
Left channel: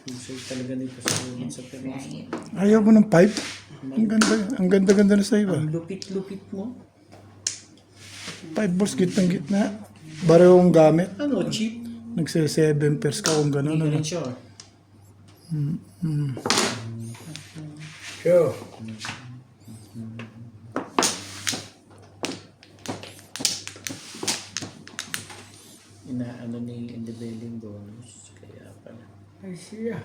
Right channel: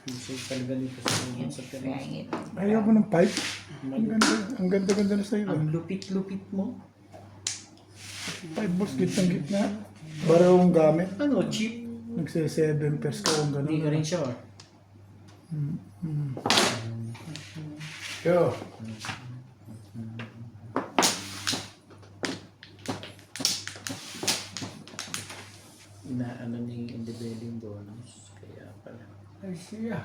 Busog talaga dito sa Pinas. Ayaw mo ng pipe? Ang ganda na sa iba. Ang lupit-lupit mo. 5 balls gitnang gitna. Barehong gamit. Ano, cheap? Nagse-7 pairs ka kung gano'n. Hindi rin siya. Sure. siya.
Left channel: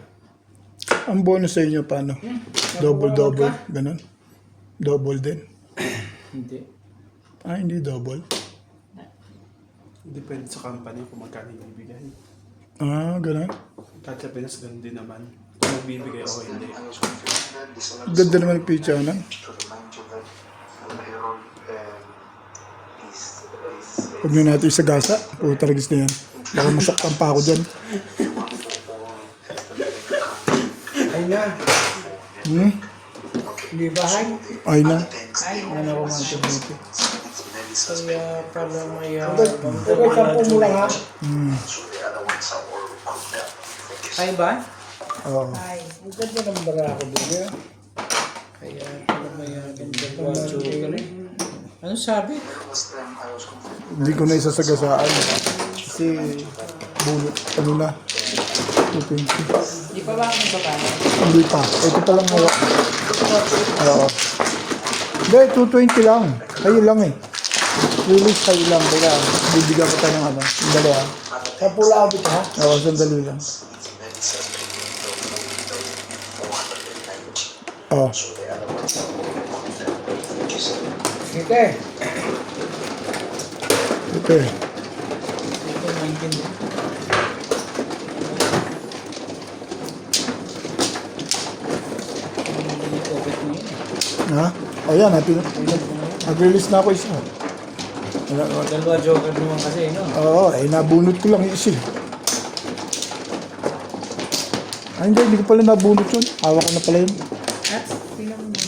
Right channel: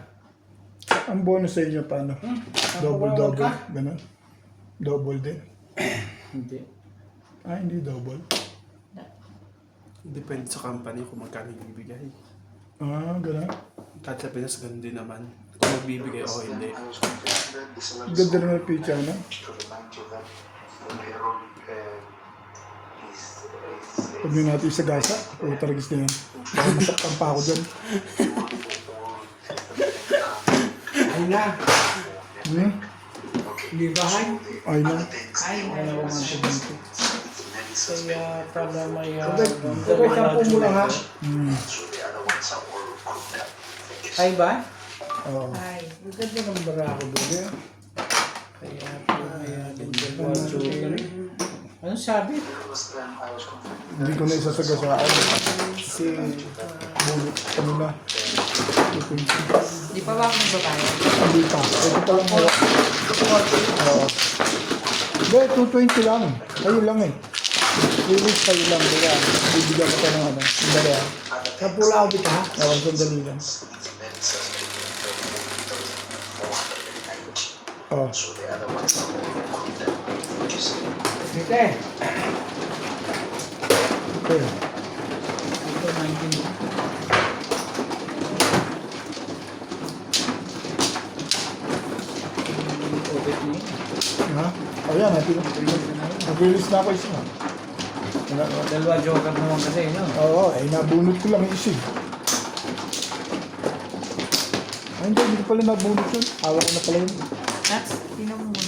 Ang bonus sa inyo paano? Double. Ganon? Double din? Hindi. Hindi double. Depende sa company kung magkano yung bibigay. Ganon. Kahit sa Pinas, ganun din naman. Kung magbibigay o hindi. Ganda naman yung picture na. Huwag na natin isagasa. Puta ragis na yan. Baka masaktan pa ako dyan. Ay na. Hindi bahay. Ay na. Ano ko ng tubig. Kaya pala may Okay, sampu mo lang ha. Ay ba? Oo. Ay, ang ganda ng barako doon eh. Kaya pala may ano sabi? Hindi ko na isasagasaan. Kasi bulot ano na. 220. Di pa ba ako nagkakaya? Hindi pa. Ito pa lang hawak. Oo. Hindi, 220 lang. Kayo lang eh. Release kayo lang. Kaya bibigyan ko pa ng ano. Yung dalawa. Sa pula abit ha. Oo, sandali lang. Oo. Sige. Okay. Ito 19. Open na yun. Ha? Ayan, nag-release na ako isa. Dalawa joker naman kasi, no? Oo, nabunot ko lang yung isa. Hindi ko pala nabunot yun. Hawak ko na pala yun. Nats, sino mo muna?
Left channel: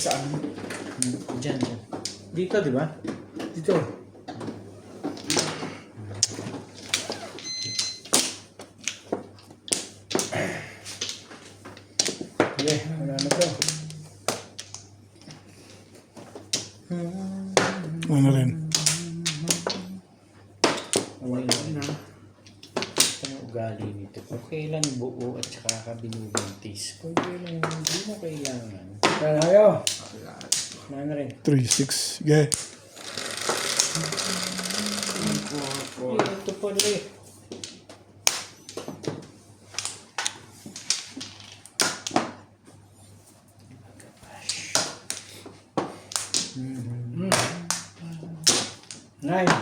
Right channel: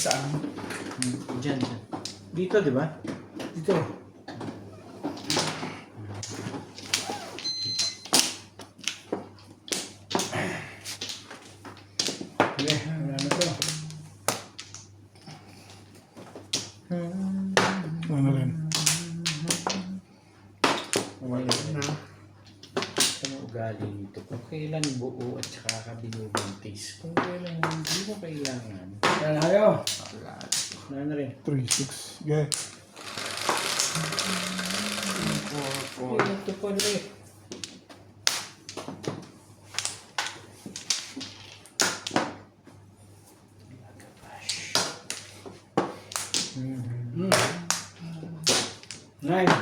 Saan? Diyan. Dito, di ba? Dito. Okay, wala na to. Ano rin. Ano ugali nito? Kung kailan buo at saka kabinubuntis. Kung kailan hindi mo kailangan. Wala na kayo. Ano na rin? 3-6. Okay. Ito pala eh. Nine.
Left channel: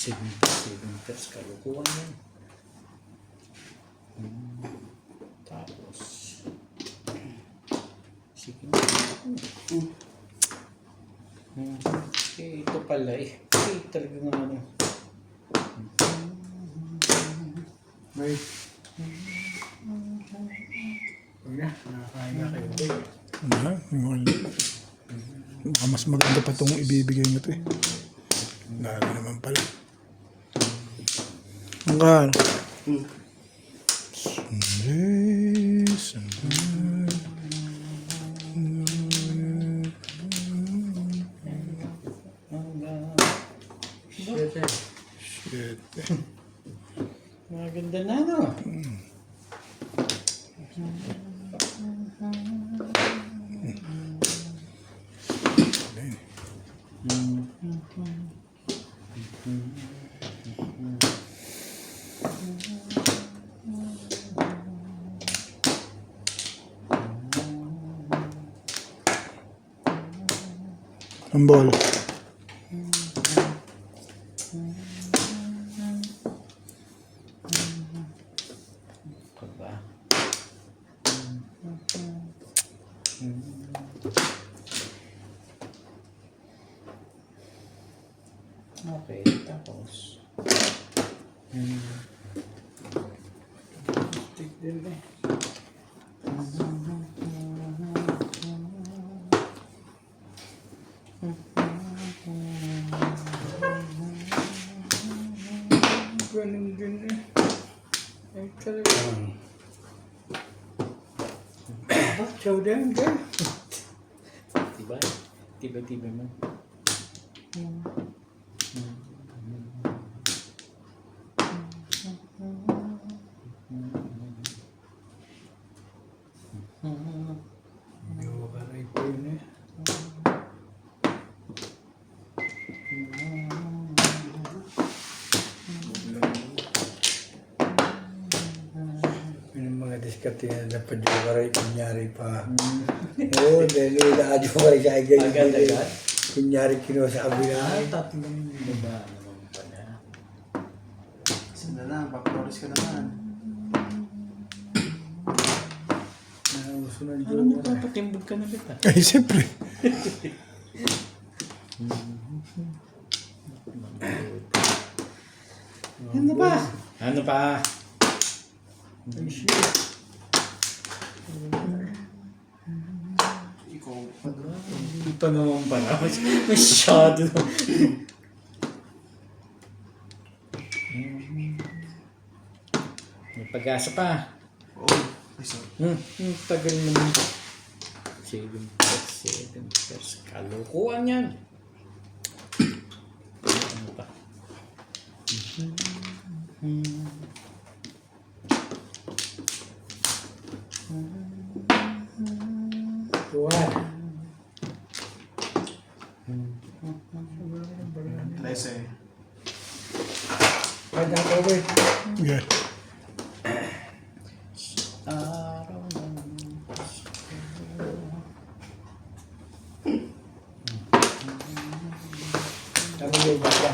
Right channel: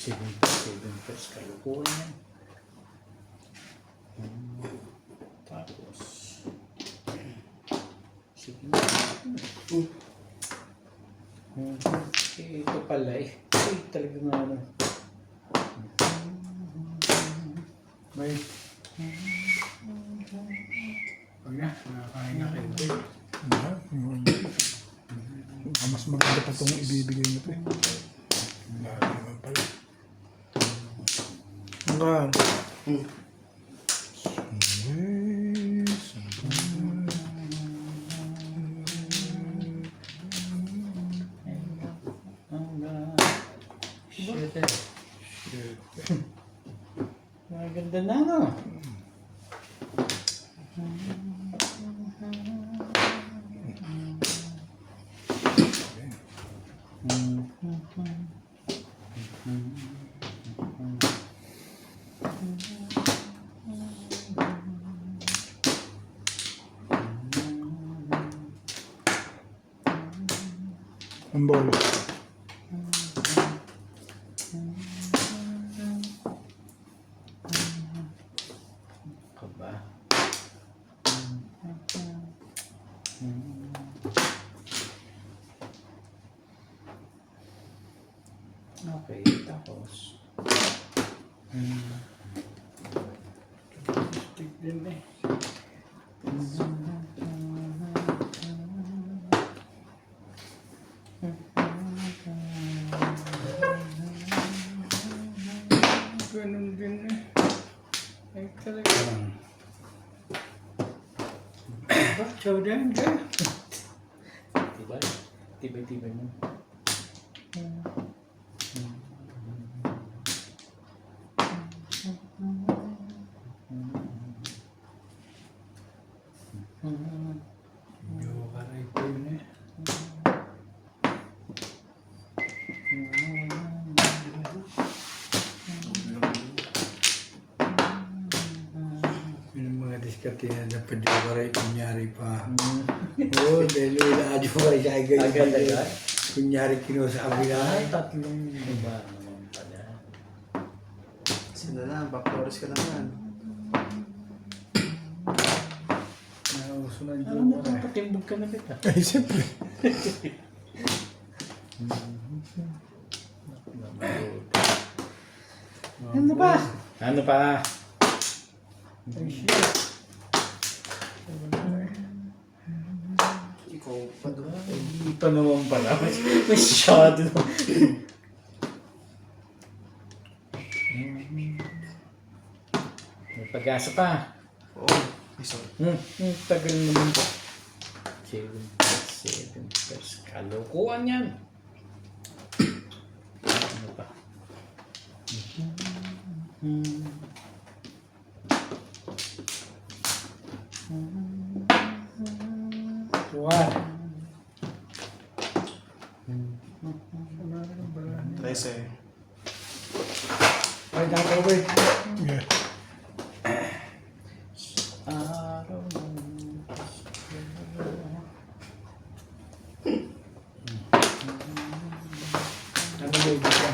Seven plus kalukuhan yan. Tapos sige na. Ito pala eh. Talaga nga ano. May. Huwag na, nakakain na kayo. Mas maganda pa itong ibibigay mo ito eh. Lalo naman pala. Hanggang. Shit eh. Shit. Maganda na no. Ambol. Kaba. Okay. Tapos, Stick din eh. Ganun din eh. Ay talaga. Chow din ka. diba? Tiba-tiba mo. Joker ay po yun eh. Yun ang mga diskarte na pa-joker ay kunyari pa. Oo, dahil naka-joker ay sa ay ganyan. Agad-agad? Kunyari kinuha sa kabila. Tatlong diba naman pala. Sila na, backdoors ka naman. Nauso ng Alam mo, joker eh. papatimbog ka na kita. Ay, siyempre. Ano pa? Ano pa? Ay, shit. Ikaw, Hindi pa naman pala. Masyado na. May pag-asa pa. oo, isa. Tagal naman. 7 plus. Kalokohan yan. Ano pa? Tuwan. 13. Ay, nakakawin. Yeah. Araw ng Ano yung baka?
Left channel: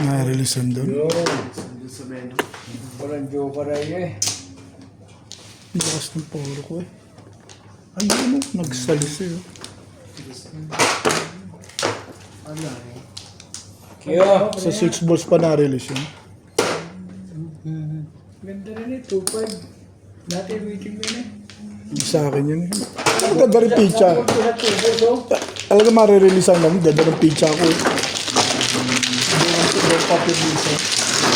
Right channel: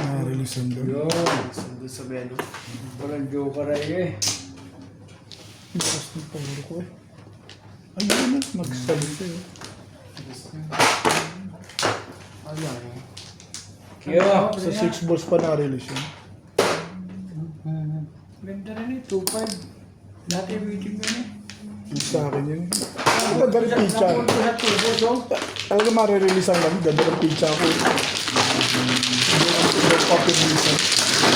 Na-releasean doon. Yun. Sandun sa beno. Walang joker ay eh. Bukas ng poro ko eh. Ayun na, nagsalisi eh. Ano lang eh. Kaya, Sa 6 balls pa na-release yun. ganda rin eh, 2-5. Dati waiting mo eh. Sa akin yun eh. Ang ganda rin pizza. Napunto sa tubo, so. Alam ko marirelease ang namin, ganda ng pizza ko. Hindi lang papirelease.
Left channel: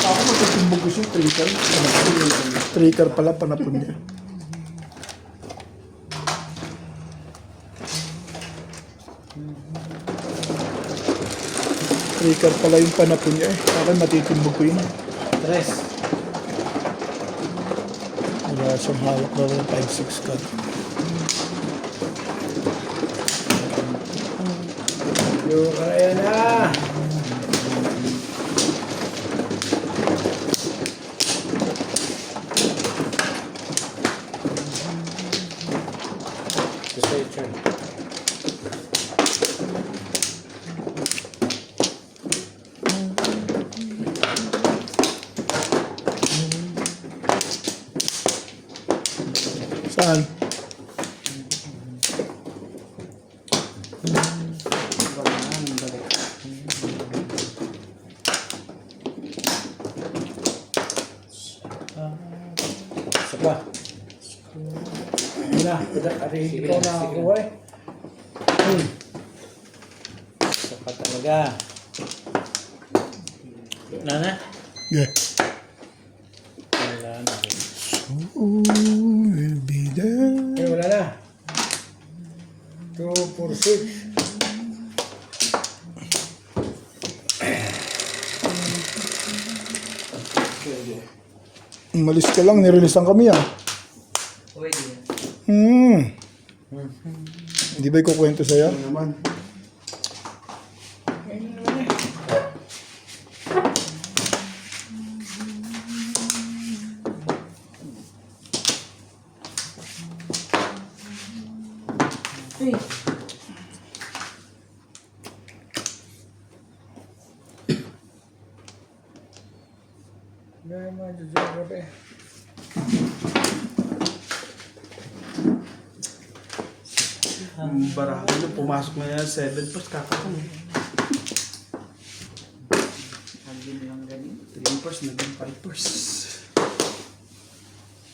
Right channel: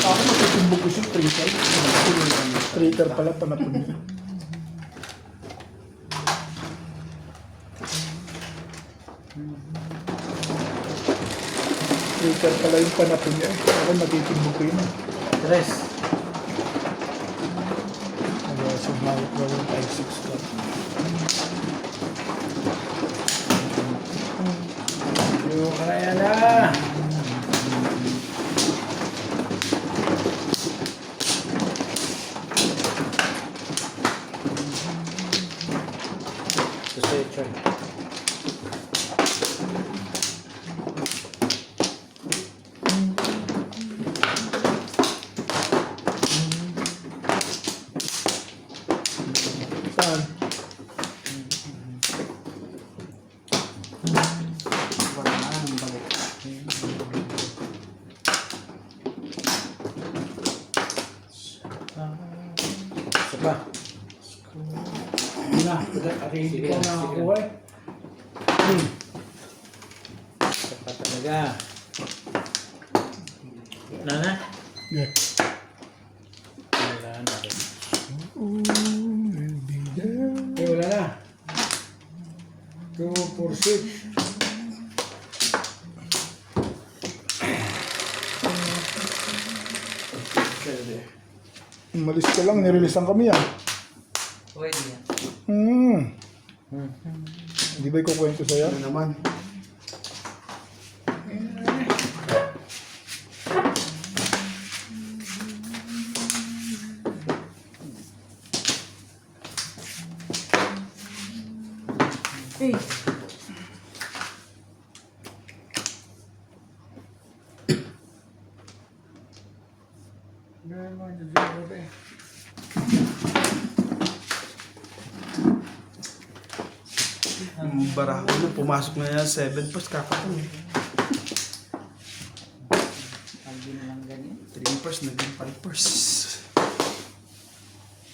Ako matatimbog ko siya, traitor. Traitor pala, panapon niya. Traitor pala yung panapon niya eh. Ako matitimbog ko yun eh. Tres. Wala sa hawak na rin 5-6 ka. Joker ay na. Gusto ito. Saan? Isa pa. Hindi na, hindi ko nakakuha eh. Isa pa talaga. Na? Yeah. Wala na. Ooh, will be there. Eh, wala na. 2, 4, 6. Umalis ka lang, nireleasean kami ah. Pwede yan. Hindi ba ikukwento sa'yo? Ano naman? Hey! Gaya mga joker eh. Yung barako mo, pumasok na yan 7 post, kakapon eh. Lagi na lang ganyan. 3 post, naging 5 post.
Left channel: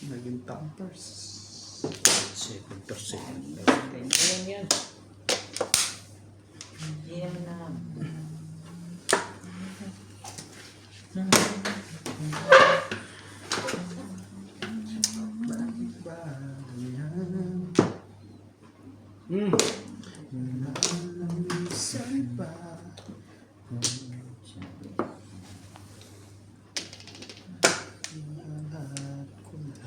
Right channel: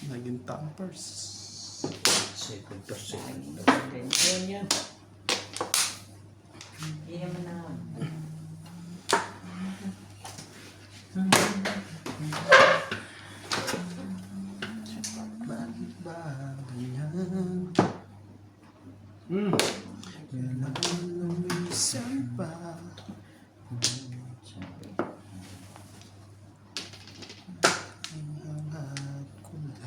Naging 10 post. 7%. Ganyan. Ayan yan. Iyan na. Bakit ba ganyan? Hmm. Minsan ba? Sabi. Lahat ko lang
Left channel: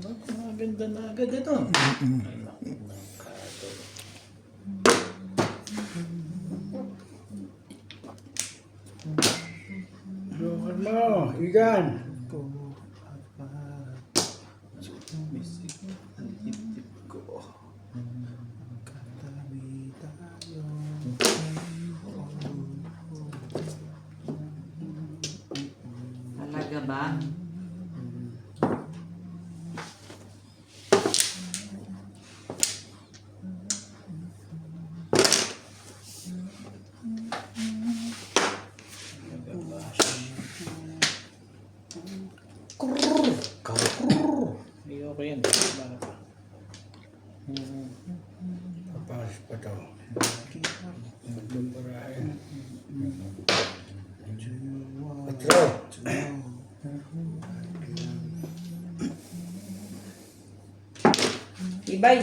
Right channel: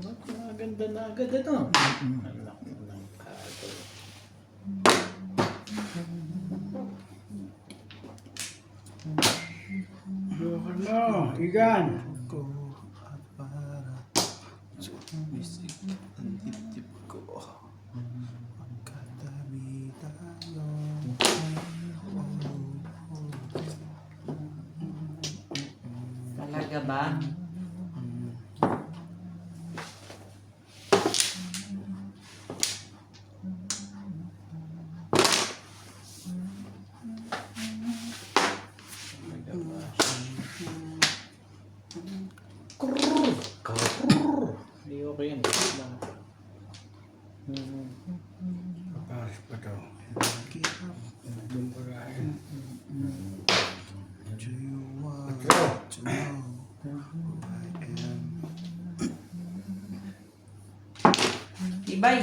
Ba't maganda na agad ito? Joker mo, Igan. ko at para sumisik ang dibdib ko. Magkatabi tayo. Talaga ba? Ayoko yan. Paparas pa to. Magdong parahin. Patro. Ibay.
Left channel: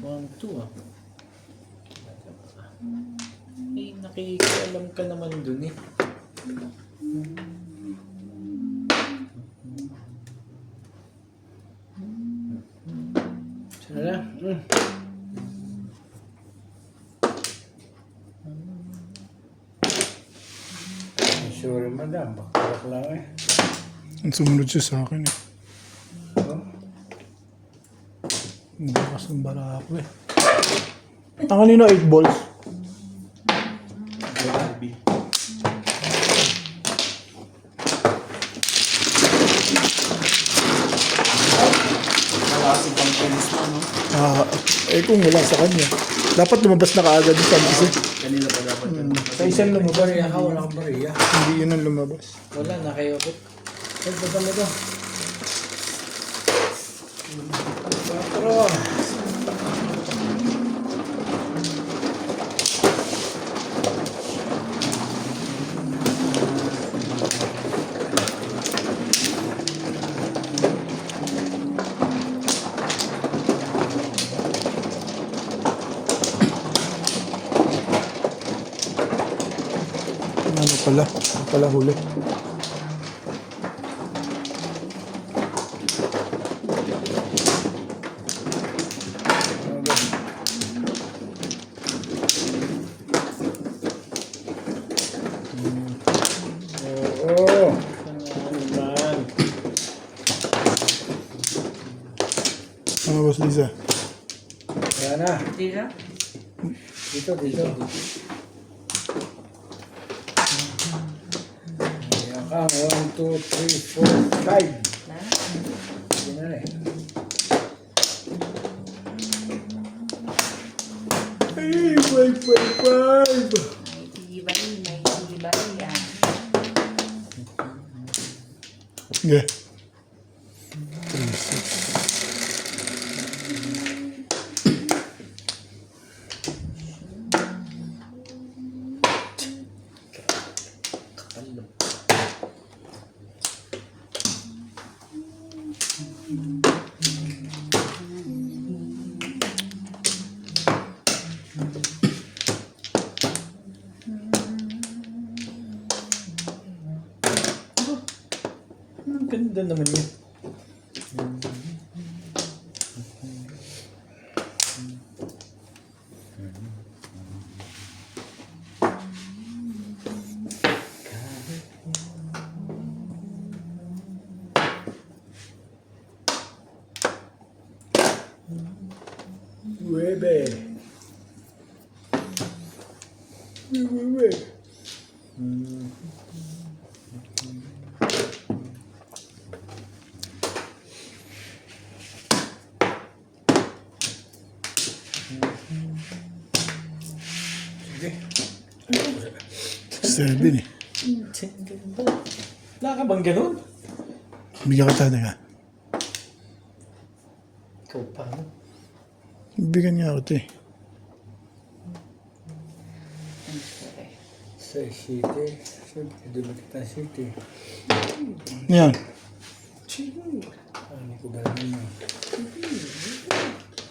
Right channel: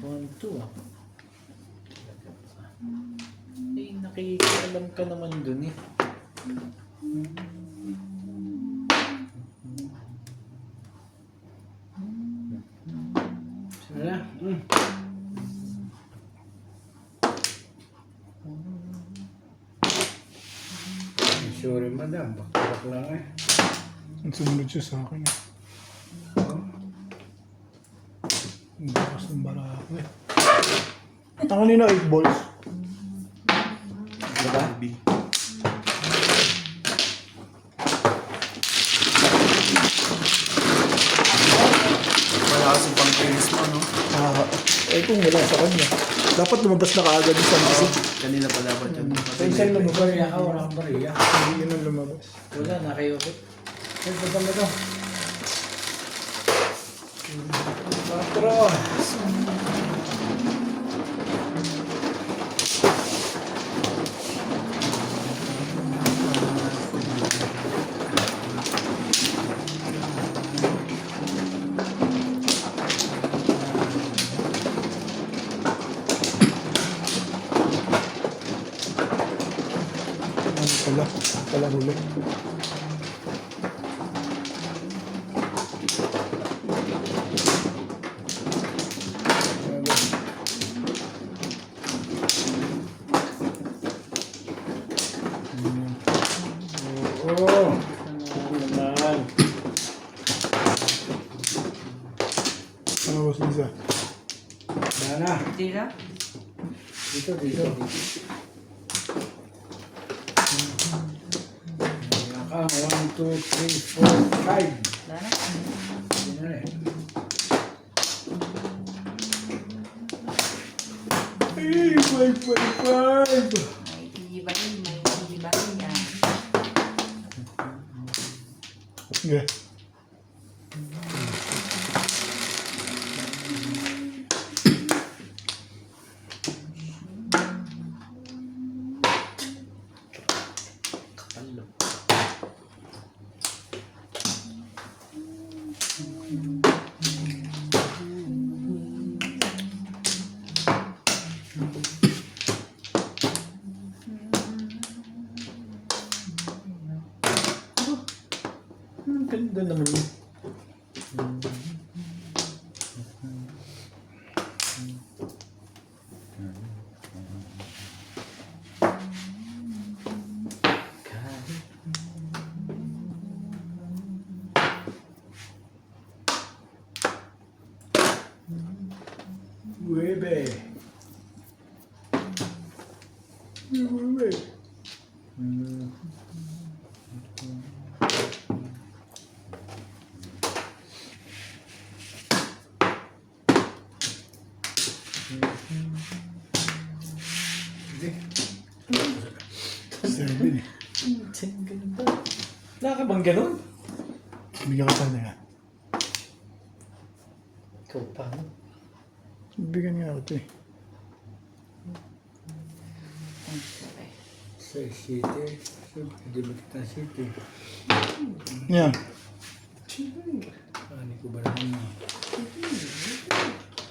One, two ah. Eh, nakikialam ka naman dun eh. Sana na. Sorry madam, bakit lang eh. Ang sumunod siya sa akin eh. Oh. Ang bakas ng barako eh. Ang kanina 8 balls. Barbie. Wala kasi pang tennis mo, no? Kung wala sa kanya. Dapat lumabas na kaagad yung San Jose. Kanina pa dapat yun. Sa isang lumabariya ka, wala kang bariya. Hindi yun ang lumabas. Wala, nakayopit. Ay, baba mo to. Patro. Ano pala huli. Oo. Naman. Ano ba Lisa? Sana. Hindi na. Dito, dito. Ayan ka. 1, 2, 3, 4, 5. Wala na. Hindi na rin. Ay, 5. May tibay. May tibay yan. Yeah. Kapal. Ang ganda naman yun. Nueve. Nueve. Sige. 7 eh. Wala ka bang ganun? Bigyan ka tayo nga. Ikaw pa, no? Bigyan niya ako ito eh. Sa city. Siyempre, di ba kita city? Yan. Ano ko ba naman mo?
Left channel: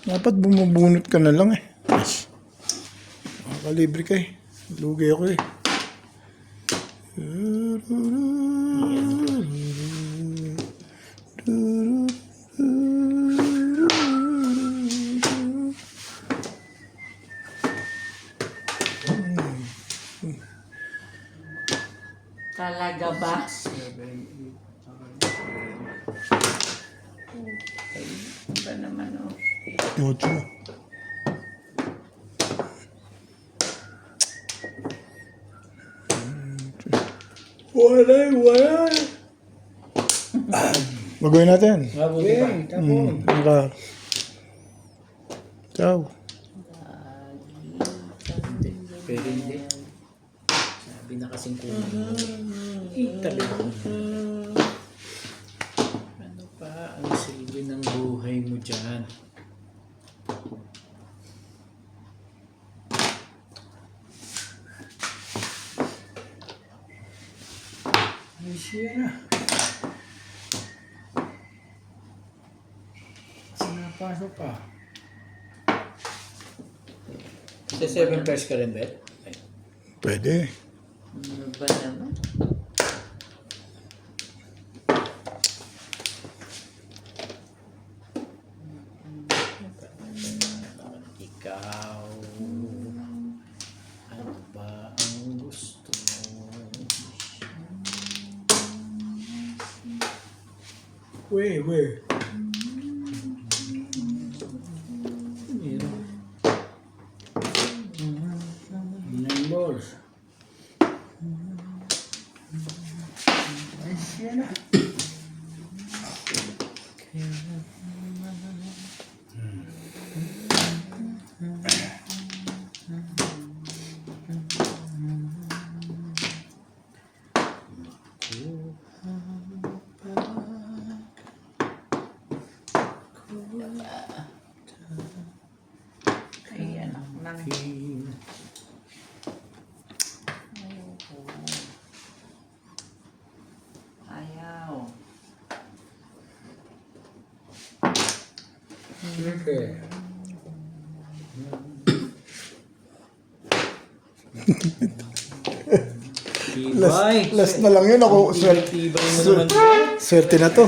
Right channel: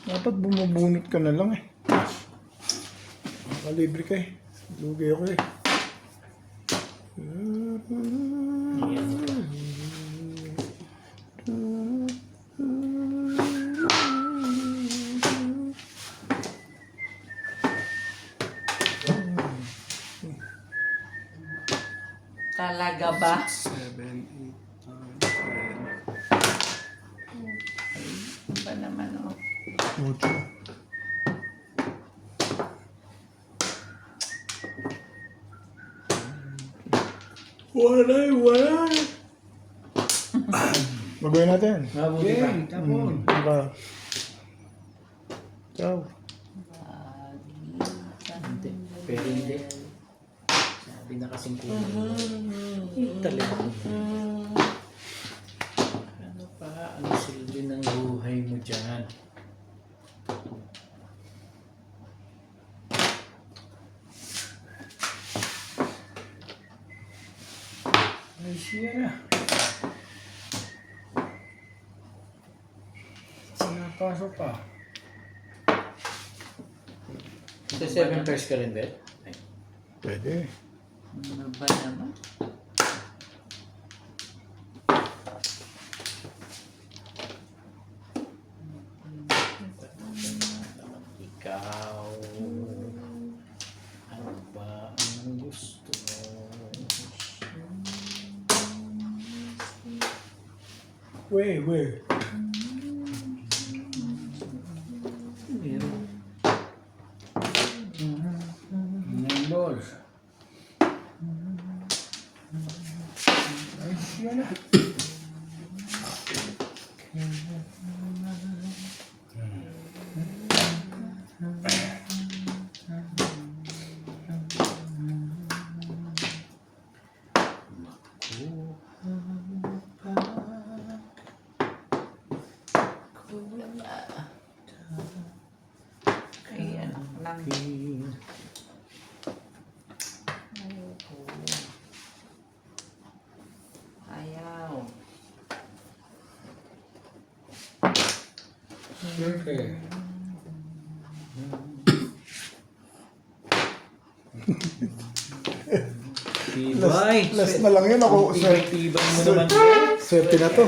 Dapat bumubunot ka na lang eh. Makalibre ka eh. Lugi ako eh. Talaga ba? 7, 8, 9, 10. Ba naman oh. 8. Wala. Magawin natin. Mabuti pa. Okay, tapon. Maka. Ciao. Pero hindi. Sabi na kasing kunin. Talaga. Ano pa? Ano silbi ng buhay mo dyan? Ay, siya na. Sinapasok pa. Sa 7 pairs ka rin, Bet? Ay. Pwede. Ano ba naman? Ikaw. Ano ba ang gusto mo? Wait. Meron. 9 balls. Ay, siya na. Ayan. Nang ayaw. Okay. Tibay. Last na lang yun ako. Tibay mo naman. Swerte na to.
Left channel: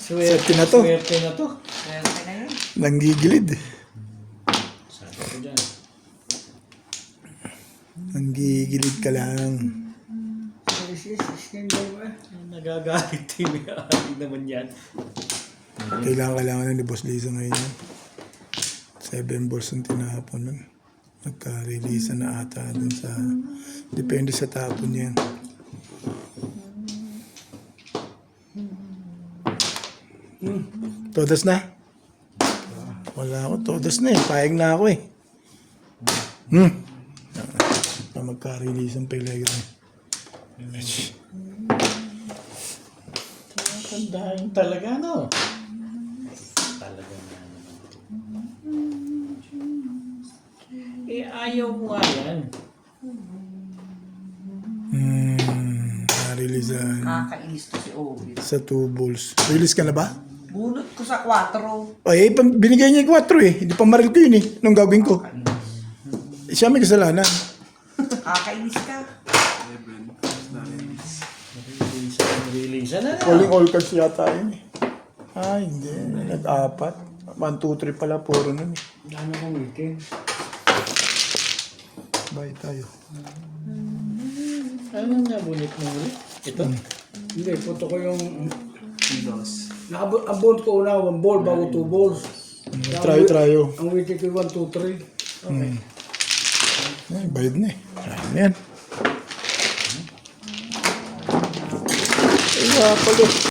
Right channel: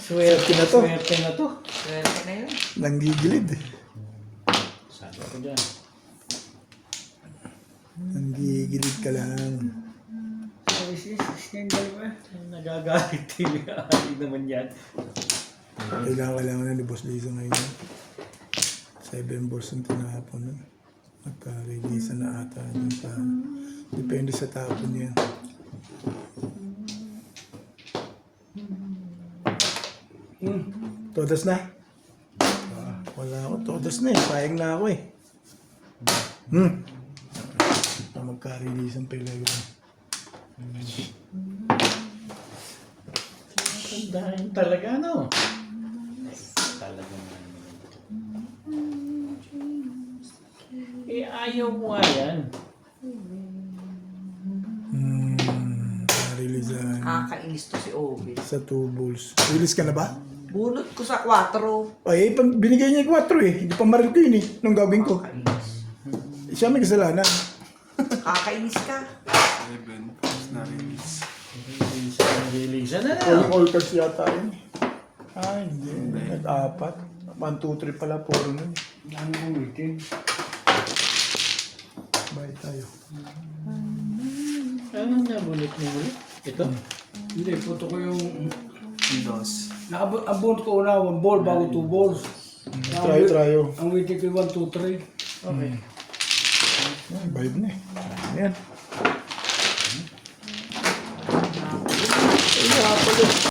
Swerte na to. Swerte na to. Swerte na yun. Nanggigilid eh. Sabi ko dyan. Nanggigilid ka lang. Nagagalit TV. Ay naman yan. Kailangan na ni Boss Lisa ngayon. 7 balls ang tinapon nun. Nagka-release na ata dun sa... Depende sa tapon yan. Todas na? Wala ako. Todas na eh. Payag na ako eh. Magka-release ang Pellegrin. Tandaan talaga, no? Talaga na naman ito. Eh, ayaw mo nga yan. Na-release Nakakainis to si Ovid. sa 2 balls. Release ka na ba? Bunot ko sa 4. Ay, binigay niya yung 4 eh. Hindi pa maril ko yun eh. Nung gagawin ko. Siya may kasalanan. Nakakainis ka. 11. Na-release. Release na na. Calling all cards yata yun eh. Ah, hindi. Nag-4. 1, 2, 3 pala. Puro nun eh. Dami kong meeting. Bye tayo. Ano na bulit mo ulit? Ito? Hindi, puto ko yung... Loss. Naabot ko una 1 ball bago 2 balls. Trayo. Ang waiting ko 1, 2, 3. Okay. Bayad na eh. Marami na yan.